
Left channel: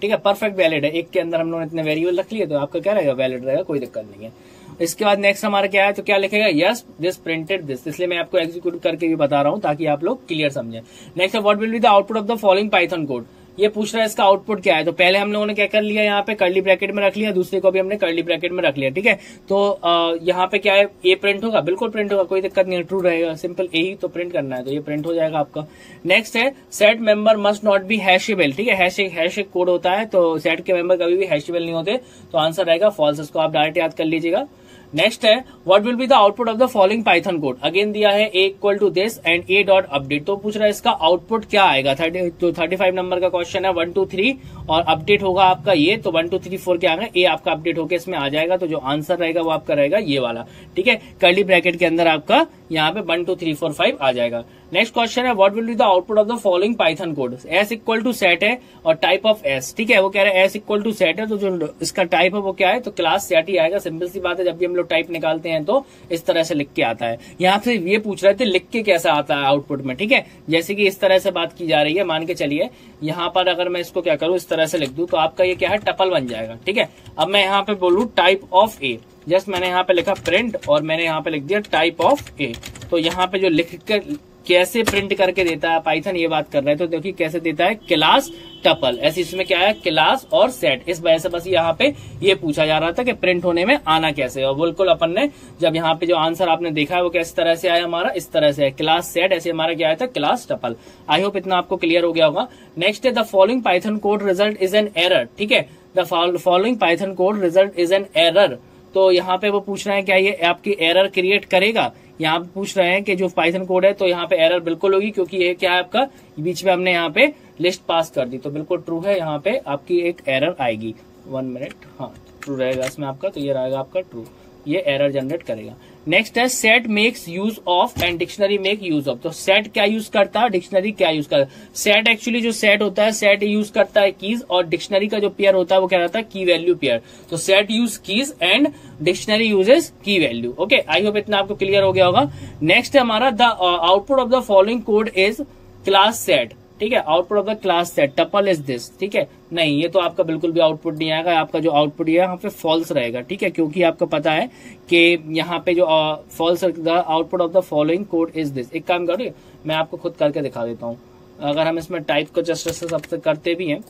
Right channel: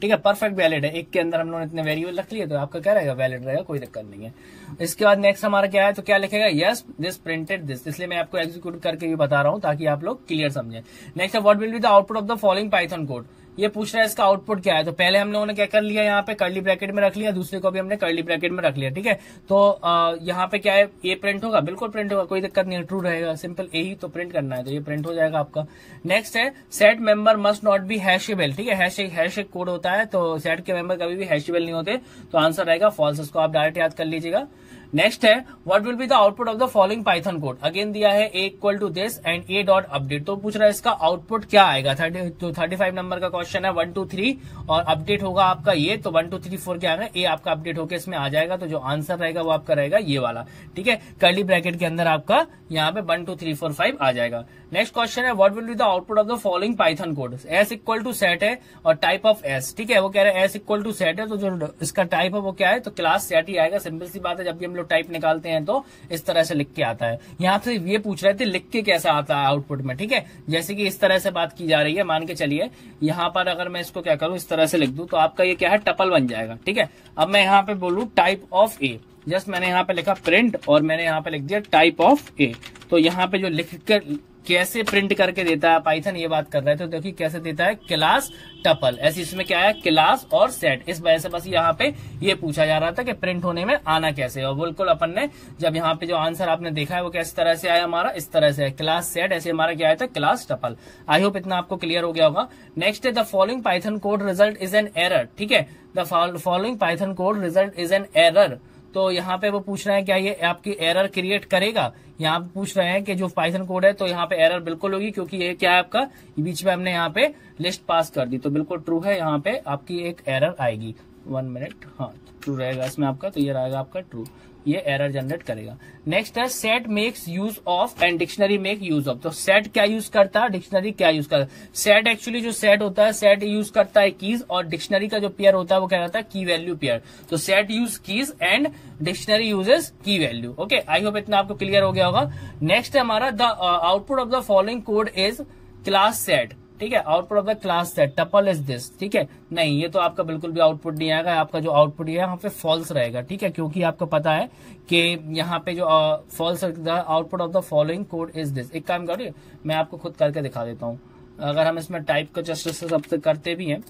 ठीक है, परफेक्ट वैलिड है। एक के अंदर हम लोगों ने इतने वेरिएबल रख लिए तो आपका क्या रहेगा, वैलिड रहेगा, कोई दिक्कत नहीं है। इसके बाद नेक्स्ट हमारा क्या है, तो क्या लिखेगा, यस दिस प्रिंटेड दिस, इसलिए मैं आपको एग्जीक्यूट करके भी बता रहा हूं ताकि आप लोग क्लियर समझें। नेक्स्ट है what will be the output of the following Python code, ये पूछ रहा है इसका आउटपुट क्या है। तो पहले हम लोगों ने क्या कर लिया, यहाँ पे कर्ली ब्रैकेट में रख लिया, दूसरे को भी हमने कर्ली ब्रैकेट में रख लिया, ठीक है। तो यहाँ पे क्या है, ए प्रिंट होगा, बिल्कुल प्रिंट होगा, कोई दिक्कत नहीं है, ट्रू रहेगा, सिंपल ए ही तो प्रिंट करना है, तो ये प्रिंट हो जाएगा आपका। नेक्स्ट है set member must not be hashable, ठीक है, हैश एक कोड होता है, तो सेट के मेंबर कभी भी हैशेबल नहीं होते, तो आंसर रहेगा फॉल्स, इसको आप डायरेक्ट याद कर लीजिएगा। नेक्स्ट है what will be the output of the following Python code, again दिया है A equal to this and A dot update, तो पूछ रहा है इसका आउटपुट क्या आएगा। 35 नंबर का क्वेश्चन है, 1 2 3 और अपडेट होगा आपका ये, तो 1 2 3 4 क्या आएगा, ए आपका अपडेट होकर इसमें आ जाएगा, तो जो आंसर रहेगा वो आपका रहेगा ये वाला, ठीक है। कर्ली ब्रैकेट के अंदर आपका यहाँ पे 1 2 3 4 5 आ जाएगा। नेक्स्ट क्वेश्चन है what will be the output of the following Python code, S equal to set है और टाइप ऑफ एस, ठीक है, वो कह रहे हैं एस इक्वल टू सेट है, तो जो इसका टाइप है वो क्या है, तो क्लास सेट ही आएगा, सिंपल सी बात है। जब भी हम लोग टाइप निकालते हैं तो इस तरह से लिख के आता है। यहाँ से ये पूछ रहे थे लिख के कैसा आता है आउटपुट में, ठीक है, जैसे कि इस तरह से बात की जा रही है, मान के चलिए यहाँ पर अगर मैं इसको क्या करूँ, इस तरह से लिख दूं तो आपका ये क्या है, टपल बन जाएगा, ठीक है। अब मैं यहाँ पे बोलूँ टाइप ऑफ ए, जस्ट मैंने यहाँ पे लिखा प्रिंट और मैंने यहाँ पे लिख दिया टाइप ऑफ ए, तो यहाँ पे जो लिख कर कैसे प्रिंट करके देता है पाइथन, ये बात कर रहे हैं, तो देखिए कैसे देता है, क्लास टपल, ऐसे इसमें क्या है, क्लास और सेट, इस वजह से बस यहाँ पे ये पूछा जा रहा था कि प्रिंट होने में आना कैसे, और बिल्कुल अपन ने जब यहाँ पे जो आंसर आपने देखा है वो किस तरह से आया, हमारा इस तरह से है, क्लास सेट, ऐसे हमारा क्या आया था, क्लास टपल। आई होप इतना आपको क्लियर हो गया होगा। नेक्स्ट है the following Python code result is an error, ठीक है, the following Python code result is an error, तो यहाँ पे वो पूछ रहे हैं क्या ये आपकी एरर क्रिएट करेगा, यहाँ पे पूछ रहे हैं कि जो पाइथन कोड है तो यहाँ पे एरर बिल्कुल होगी, क्योंकि ये क्या है आपका, बीच में हमने यहाँ पे लिस्ट पास कर दी, तो बिल्कुल ट्रू है, यहाँ पे आपकी एक एरर आएगी। 1 मिनट, हाँ ट्रू रहेगा इसमें आपका, तो ये रहेगा आपका ट्रू, ये एरर जनरेट करेगा। नेक्स्ट है set makes use of and dictionary make use of, तो सेट क्या यूज करता है, डिक्शनरी क्या यूज करता है। सेट एक्चुअली जो सेट होता है, सेट यूज करता है कीज, और डिक्शनरी का जो पेयर होता है वो क्या रहता है, की वैल्यू पेयर, तो set use keys and dictionary uses की वैल्यू। ओके, आई होप इतना आपको क्लियर हो गया होगा। नेक्स्ट है हमारा the output of the following code is class set, ठीक है। Output of the class set tuple is this, ठीक है। नहीं, ये तो आपका बिल्कुल भी आउटपुट नहीं आएगा, आपका जो आउटपुट है यहाँ पे फॉल्स रहेगा, ठीक है, क्योंकि आपको पता है कि यहाँ पे जो false the output of the following code is this. एक काम करो, मैं आपको खुद करके दिखा देता हूँ। अगर हम इसमें टाइप को जस्ट सबसे करते भी हैं,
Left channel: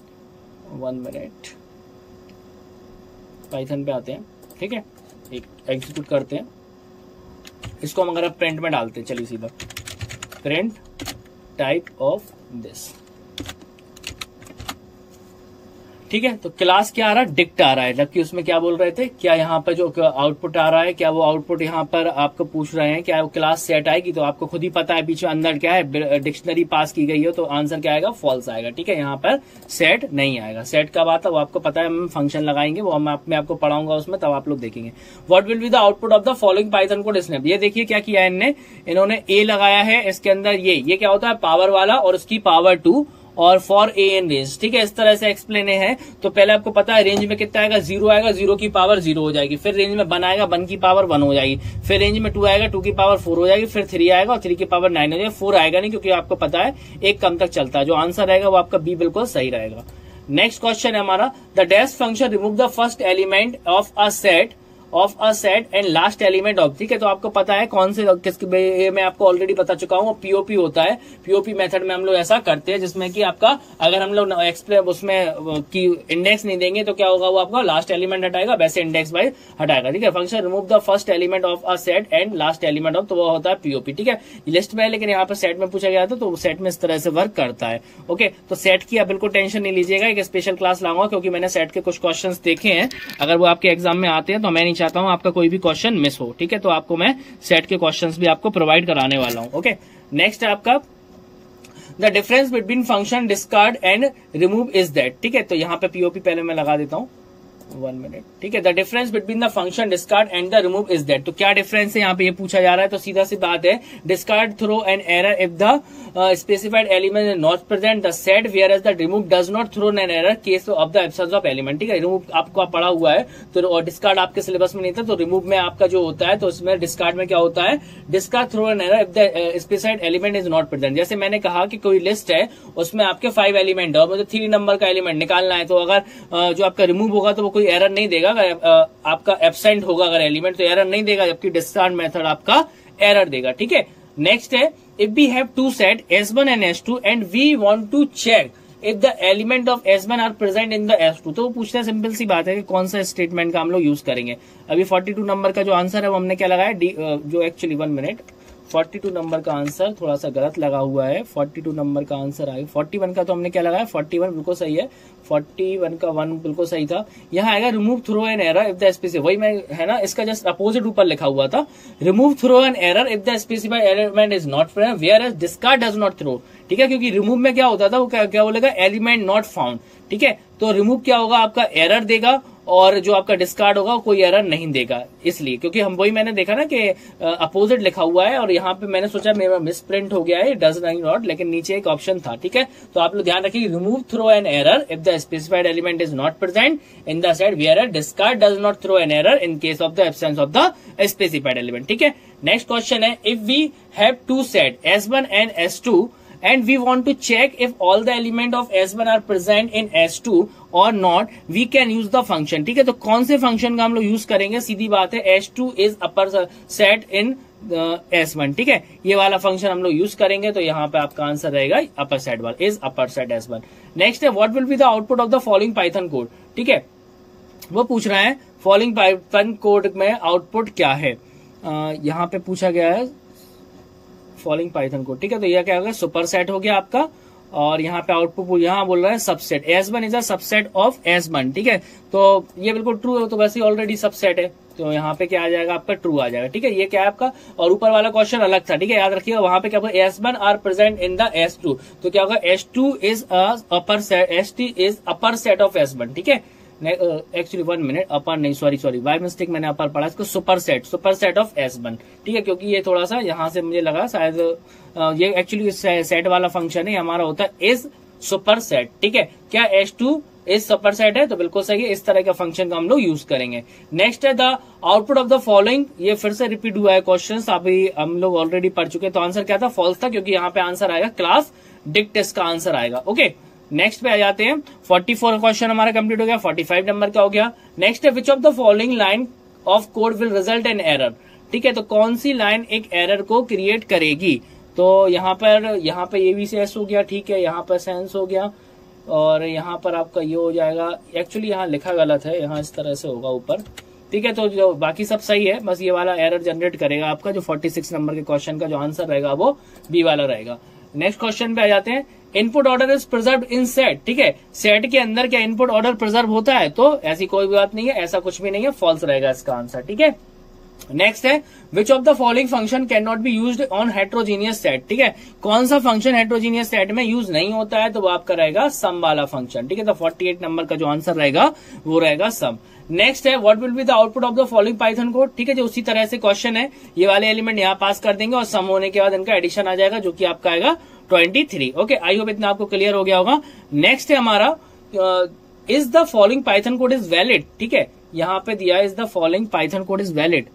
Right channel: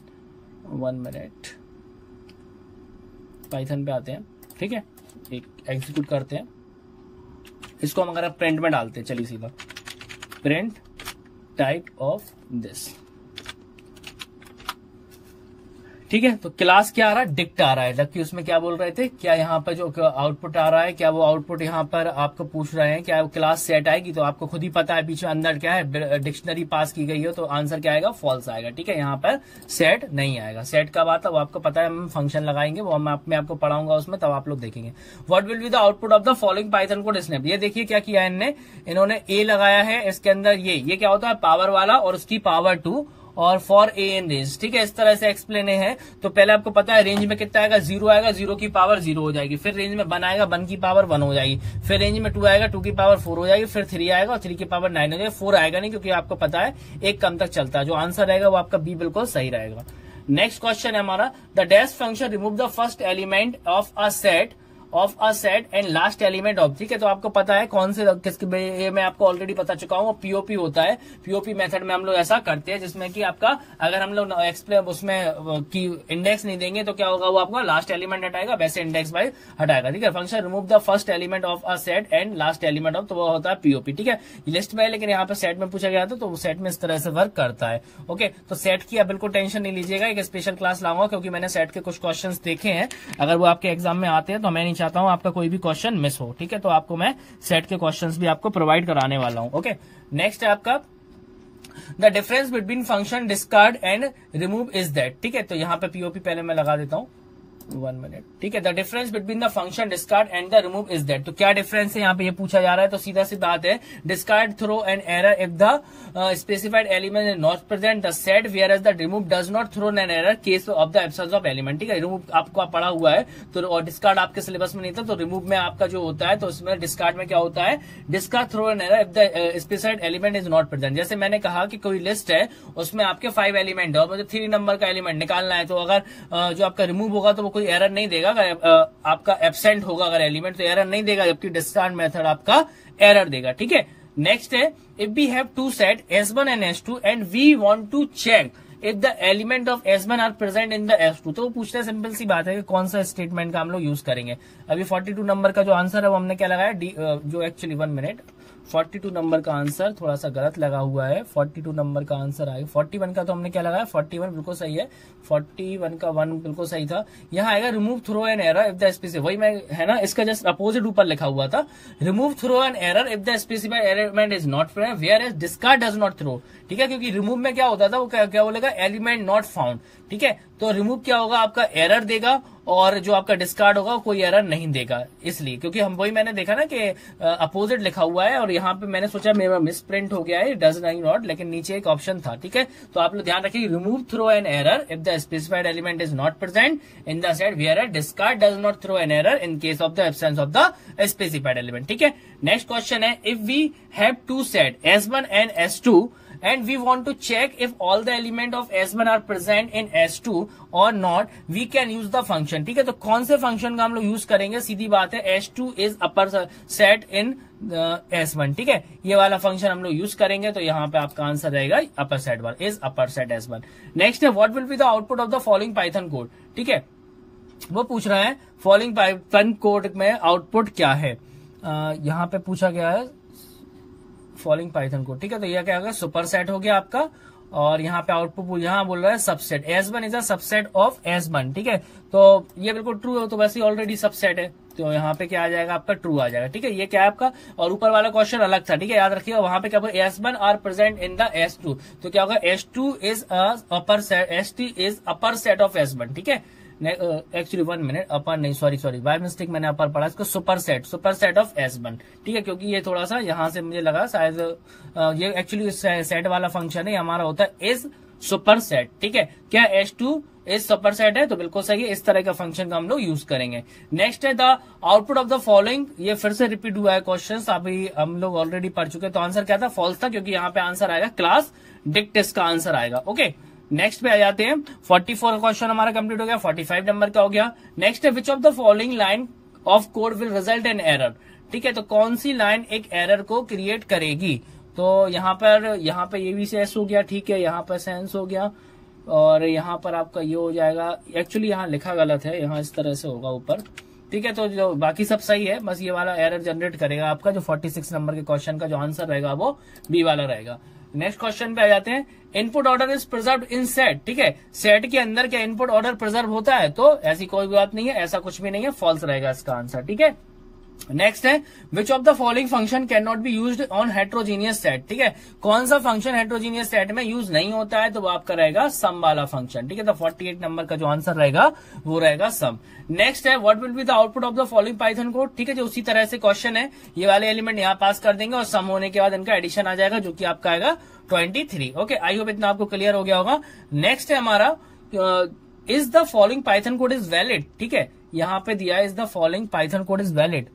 1 मिनट, पाइथन पे आते हैं, ठीक है, एक एग्जीक्यूट करते हैं इसको। हम अगर आप प्रिंट में डालते हैं, चलिए सीधा प्रिंट टाइप ऑफ दिस, ठीक है। तो क्लास क्या आ रहा है, डिक्ट आ रहा है, जबकि उसमें क्या बोल रहे थे, क्या यहाँ पर जो आउटपुट आ रहा है, क्या वो आउटपुट यहाँ पर आपको पूछ रहे हैं क्या वो क्लास सेट आएगी। तो आपको खुद ही पता है पीछे अंदर क्या है, डिक्शनरी पास की गई है, तो आंसर क्या आएगा, फॉल्स आएगा, ठीक है। यहाँ पर सेट नहीं आएगा। सेट कब आता है वो आपको पता है, हम फंक्शन लगाएंगे, वो मैं आपको पढ़ाऊंगा उसमें, तब आप लोग देखेंगे। What will be the output of the following Python code snap. ये देखिए क्या किया है इन्होंने ए लगाया है इसके अंदर, ये क्या होता है, पावर वाला और उसकी पावर 2 और फॉर ए एन रेंज, ठीक है। इस तरह से एक्सप्लेन है। तो पहले आपको पता है रेंज में कितना आएगा, 0 आएगा, 0 की पावर 0 हो जाएगी, फिर रेंज में 1 आएगा, 1 की पावर 1 हो जाएगी, फिर रेंज में 2 आएगा, 2 की पावर 4 हो जाएगी, फिर 3 आएगा और 3 की पावर 9 हो जाएगी। 4 आएगा नहीं, क्योंकि आपको पता है एक कम तक चलता है। जो आंसर रहेगा वो आपका बी बिल्कुल सही रहेगा। नेक्स्ट क्वेश्चन है हमारा, the dash function remove the first element of a set and last element of, ठीक है। तो आपको पता है कौन से किसके, मैं आपको ऑलरेडी बता चुका हूँ, पीओपी होता है। पीओपी मेथड में हम लोग ऐसा करते हैं जिसमें कि आपका अगर हम लोग एक्सप्लेन उसमें की इंडेक्स नहीं देंगे तो क्या होगा, वो आपका लास्ट एलिमेंट हटाएगा, वैसे इंडेक्स बाय हटाएगा, ठीक है। Function remove the first element of a set and last element of, तो वो होता है पीओपी, ठीक है। लिस्ट में है लेकिन यहाँ पे सेट में पूछा गया था, तो सेट में इस तरह से वर्क करता है। ओके, तो सेट की आप बिल्कुल टेंशन नहीं लीजिएगा, एक स्पेशल क्लास लाऊंगा, क्योंकि मैंने सेट के कुछ क्वेश्चन देखे हैं। अगर वो आपके एग्जाम में आते हैं तो मैं नहीं चाहता हूँ आपका कोई भी क्वेश्चन मिस हो, ठीक है। तो आपको मैं सेट के क्वेश्चंस भी आपको प्रोवाइड कराने वाला हूं। ओके, नेक्स्ट है आपका the difference between function discard and remove is that, ठीक है। तो यहाँ पे पीओपी पहले मैं लगा देता हूँ, 1 मिनट, ठीक है। The difference between the function discard and the remove is that. तो क्या डिफरेंस है यहाँ पे, ये पूछा जा रहा है। तो सीधा सी बात है, discard throw an error if the specified element is not present the set, whereas the remove does not throw an error case of the absence of element, ठीक है। रिमूव आपको पढ़ा हुआ है, तो और डिस्कार्ड आपके सिलेबस में नहीं था, तो रिमूव में आपका जो होता है, तो इसमें डिस्कार्ड में क्या होता है, discard throw an error if the specified element is not present. जैसे मैंने कहा कि कोई लिस्ट है, उसमें आपके 5 एलिमेंट है और मुझे 3 नंबर का एलिमेंट निकालना है, तो अगर जो आपका रिमूव होगा तो वो कोई एरर नहीं देगा, आपका एब्सेंट होगा अगर एलिमेंट, तो एरर नहीं देगा, जबकि डिस्कार्ड मेथड आपका एरर देगा, ठीक है। नेक्स्ट है, if we have to set S1 and S2 and we want to check if the element of S1 are present in the S2, तो वो पूछते हैं, सिंपल सी बात है कि कौन सा स्टेटमेंट का हम लोग यूज करेंगे। अभी 42 नंबर का जो आंसर है वो हमने क्या लगाया, जो एक्चुअली 1 मिनट, 42 नंबर का आंसर थोड़ा सा गलत लगा हुआ है। 42 नंबर का आंसर आएगा, 41 का तो हमने क्या लगाया, 41 बिल्कुल सही है, 41 का 1 बिल्कुल सही था। यहाँ आएगा remove throw an error if the specified, वही मैं है ना, इसका जस्ट अपोजिट ऊपर लिखा हुआ था, remove throw an error if the specified element is not present whereas discard does not throw, ठीक है। क्योंकि रिमूव में क्या होता था, वो क्या बोलेगा, एलिमेंट नॉट फाउंड, ठीक है। तो रिमूव क्या होगा, आपका एरर देगा, और जो आपका डिस्कार्ड होगा कोई एरर नहीं देगा, इसलिए क्योंकि हम वही मैंने देखा ना कि अपोजिट लिखा हुआ है, और यहाँ पे मैंने सोचा मेरा मिस प्रिंट हो गया है, डज नॉट, लेकिन नीचे एक ऑप्शन था, ठीक है। तो आप लोग ध्यान रखिए, remove throw an error if the specified element is not present in the set, where discard does not throw an error in case of the absence of the specified element, ठीक है। नेक्स्ट क्वेश्चन है, if we have to set S1 and S2 and we want to check if all the element of S1 are present in S2 or not, we can use the function, ठीक है। तो कौन से function का हम लोग use करेंगे, सीधी बात है, S2 is upper set in S1, ठीक है। ये वाला फंक्शन हम लोग यूज करेंगे, तो यहाँ पे आपका आंसर रहेगा अपर सेट वाला, is upper set S1। Next है, what will be the output of the following Python code, ठीक है। वो पूछ रहा है फॉलोइंग पाइथन कोड में आउटपुट क्या है, यहाँ पे पूछा गया है फॉलोइंग पाइथन कोड, ठीक है। तो यह क्या होगा, सुपर सेट हो गया आपका, और यहाँ पे आउटपुट यहाँ बोल रहा है subset, S1 is a subset of S1, ठीक है। तो ये बिल्कुल ट्रू है, तो वैसे ही ऑलरेडी सबसेट है, तो यहाँ पे क्या आ जाएगा, आपका ट्रू आ जाएगा, ठीक है। ये क्या है आपका, और ऊपर वाला क्वेश्चन अलग था, ठीक है, याद रखिएगा। वहां पे क्या होगा, S1 are present in the S2, तो क्या होगा, S2 is upper set, ST is upper set of S1, ठीक है। एक्चुअली 1 मिनट, अपर नहीं, सॉरी बाय मिस्टेक मैंने अपर पढ़ा, इसको सुपर सेट ऑफ S1, ठीक है। क्योंकि ये थोड़ा सा यहाँ से मुझे लगा शायद ये एक्चुअली सेट वाला फंक्शन है, हमारा होता है इज सुपर सेट, ठीक है। क्या S2 इस सुपरसेट है, तो बिल्कुल सही है। इस तरह का फंक्शन का हम लोग यूज करेंगे। नेक्स्ट है the output of the following. ये फिर से रिपीट हुआ है क्वेश्चन, अभी हम लोग ऑलरेडी पढ़ चुके हैं। तो आंसर क्या था? फॉल्स था, क्योंकि यहाँ पे आंसर आएगा क्लास डिक्ट, इसका आंसर आएगा। ओके, नेक्स्ट पे आ जाते हैं। 44 क्वेश्चन हमारा कंप्लीट हो गया। 45 नंबर का हो गया। नेक्स्ट है which of the following line of code will result in error. ठीक है, तो कौन सी लाइन एक एरर को क्रिएट करेगी? तो यहाँ पे ABCS हो गया, ठीक है, यहाँ पर सेंस हो गया, और यहाँ पर आपका ये हो जाएगा। एक्चुअली यहाँ लिखा गलत है, यहाँ इस तरह से होगा ऊपर, ठीक है। तो जो बाकी सब सही है, बस ये वाला एरर जनरेट करेगा आपका। जो 46 नंबर के क्वेश्चन का जो आंसर रहेगा वो बी वाला रहेगा। नेक्स्ट क्वेश्चन पे आ जाते हैं। Input order is preserve in set. ठीक है, सेट के अंदर क्या इनपुट ऑर्डर प्रिजर्व होता है? तो ऐसी कोई भी बात नहीं है, ऐसा कुछ भी नहीं है, फॉल्स रहेगा इसका आंसर। ठीक है, नेक्स्ट है which of the following function can not be used on heterogeneous set. ठीक है, कौन सा फंक्शन हेट्रोजीनियस सेट में यूज नहीं होता है? तो वो आपका रहेगा सम वाला फंक्शन। ठीक है, तो 48 नंबर का जो आंसर रहेगा वो रहेगा सम। नेक्स्ट है what will be the output of the following Python code. ठीक है, जो उसी तरह से क्वेश्चन है, ये वाले एलिमेंट यहाँ पास कर देंगे और सम होने के बाद इनका एडिशन आ जाएगा, जो कि आपका आएगा 23। ओके, आई होप इतना आपको क्लियर हो गया होगा। नेक्स्ट है हमारा is the following Python code is valid. ठीक है, यहाँ पे दिया is the following Python code is valid.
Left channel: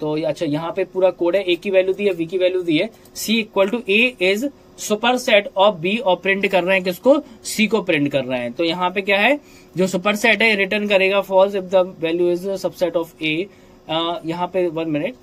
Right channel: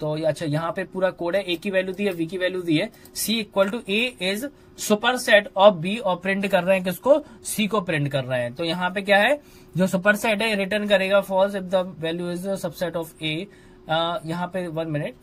तो अच्छा, यहाँ पे पूरा कोड है, ए की वैल्यू दी है, वी की वैल्यू दी है। C equal to A is superset of B, और प्रिंट कर रहे हैं किसको? सी को प्रिंट कर रहे हैं। तो यहाँ पे क्या है, जो सुपर सेट है रिटर्न करेगा false if the value is subset of A. यहाँ पे 1 मिनट,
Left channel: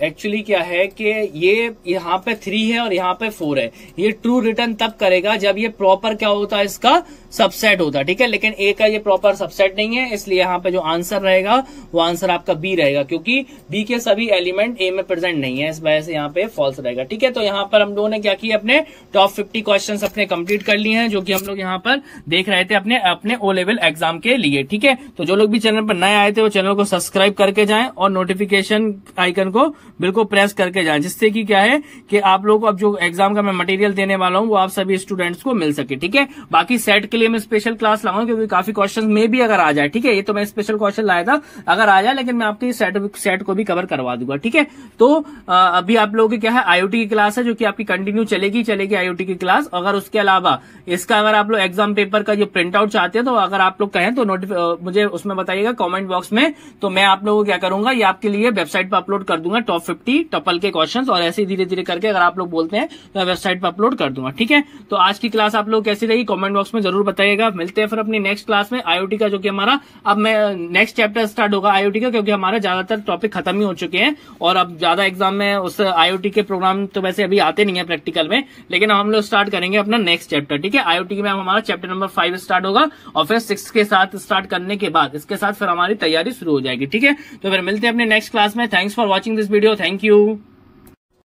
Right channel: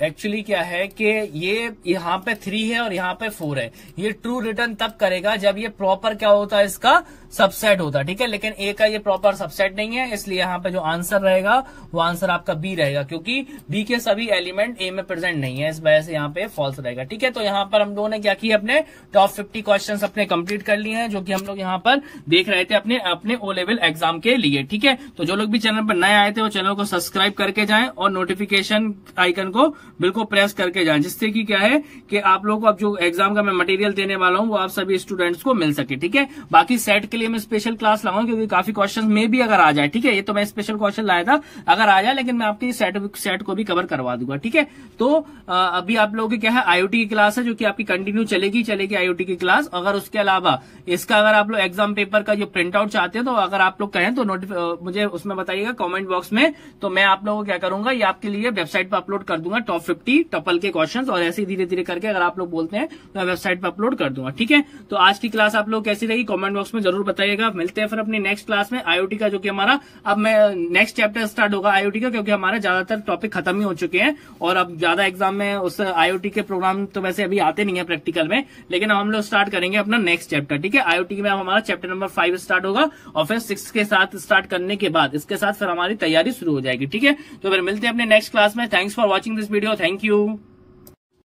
एक्चुअली क्या है कि ये यहाँ पे 3 है और यहाँ पे 4 है। ये ट्रू रिटर्न तब करेगा जब ये प्रॉपर क्या होता है, इसका सबसेट होता है। ठीक है, लेकिन ए का ये प्रॉपर सबसेट नहीं है, इसलिए यहाँ पे जो आंसर रहेगा वो आंसर आपका बी रहेगा, क्योंकि बी के सभी एलिमेंट ए में प्रेजेंट नहीं है, इस वजह से यहाँ पे फॉल्स रहेगा। ठीक है, तो यहाँ पर हम लोगों ने क्या किया, अपने टॉप 50 क्वेश्चन अपने कंप्लीट कर लिए हैं, जो कि हम लोग यहाँ पर देख रहे थे अपने ओ लेवल एग्जाम के लिए। ठीक है, तो जो लोग भी चैनल पर नए आए थे वो चैनल को सब्सक्राइब करके जाएं और नोटिफिकेशन आइकन को बिल्कुल प्रेस करके जाएं, जिससे कि क्या है कि आप लोग को अब जो एग्जाम का मैं मटेरियल देने वाला हूं वो आप सभी स्टूडेंट्स को मिल सके। ठीक है, बाकी सेट के लिए मैं स्पेशल क्लास लगाऊं, क्योंकि काफी क्वेश्चन में भी अगर आ जाए, ठीक है, ये तो मैं स्पेशल क्वेश्चन लाया था, अगर आ जाए, लेकिन मैं आपकी सेट को भी कवर करवा दूंगा। ठीक है, तो अभी आप लोगों की क्या है, आईओटी की क्लास है, जो कि आपकी कंटिन्यू चलेगी आईओटी की क्लास। अगर उसके अलावा इसका अगर आप लोग एग्जाम पेपर का जो प्रिंट आउट चाहते हैं, तो अगर आप लोग कहें तो मुझे उसमें बताइएगा कमेंट बॉक्स में, तो मैं आप लोगों को क्या करूंगा, ये आपके लिए वेबसाइट पर अपलोड कर दूंगा टॉप 50 टपल के क्वेश्चंस, और ऐसे धीरे धीरे करके अगर आप लोग बोलते हैं तो मैं वेबसाइट पर अपलोड कर दूंगा। ठीक है, तो आज की क्लास आप लोग कैसी रही कमेंट बॉक्स में जरूर बताइएगा। मिलते हैं फिर अपनी नेक्स्ट क्लास में आईओटी का, जो कि हमारा अब मैं नेक्स्ट चैप्टर स्टार्ट होगा आईओटी का, क्योंकि हमारे ज्यादातर टॉपिक खत्म ही हो चुके हैं और अब ज्यादा एग्जाम में उस आईओटी के प्रोग्राम तो वैसे अभी आते नहीं है प्रैक्टिकल में, लेकिन हम लोग स्टार्ट करेंगे अपना नेक्स्ट चैप्टर। ठीक है, आईओटी में हमारा चैप्टर नंबर 5 स्टार्ट होगा, और फिर 6 के साथ स्टार्ट करने के बाद इसके साथ फिर हमारी तैयारी शुरू हो जाएगी। ठीक है, तो फिर मिलते हैं अपने नेक्स्ट क्लास में। Thanks for watching this video, thank you.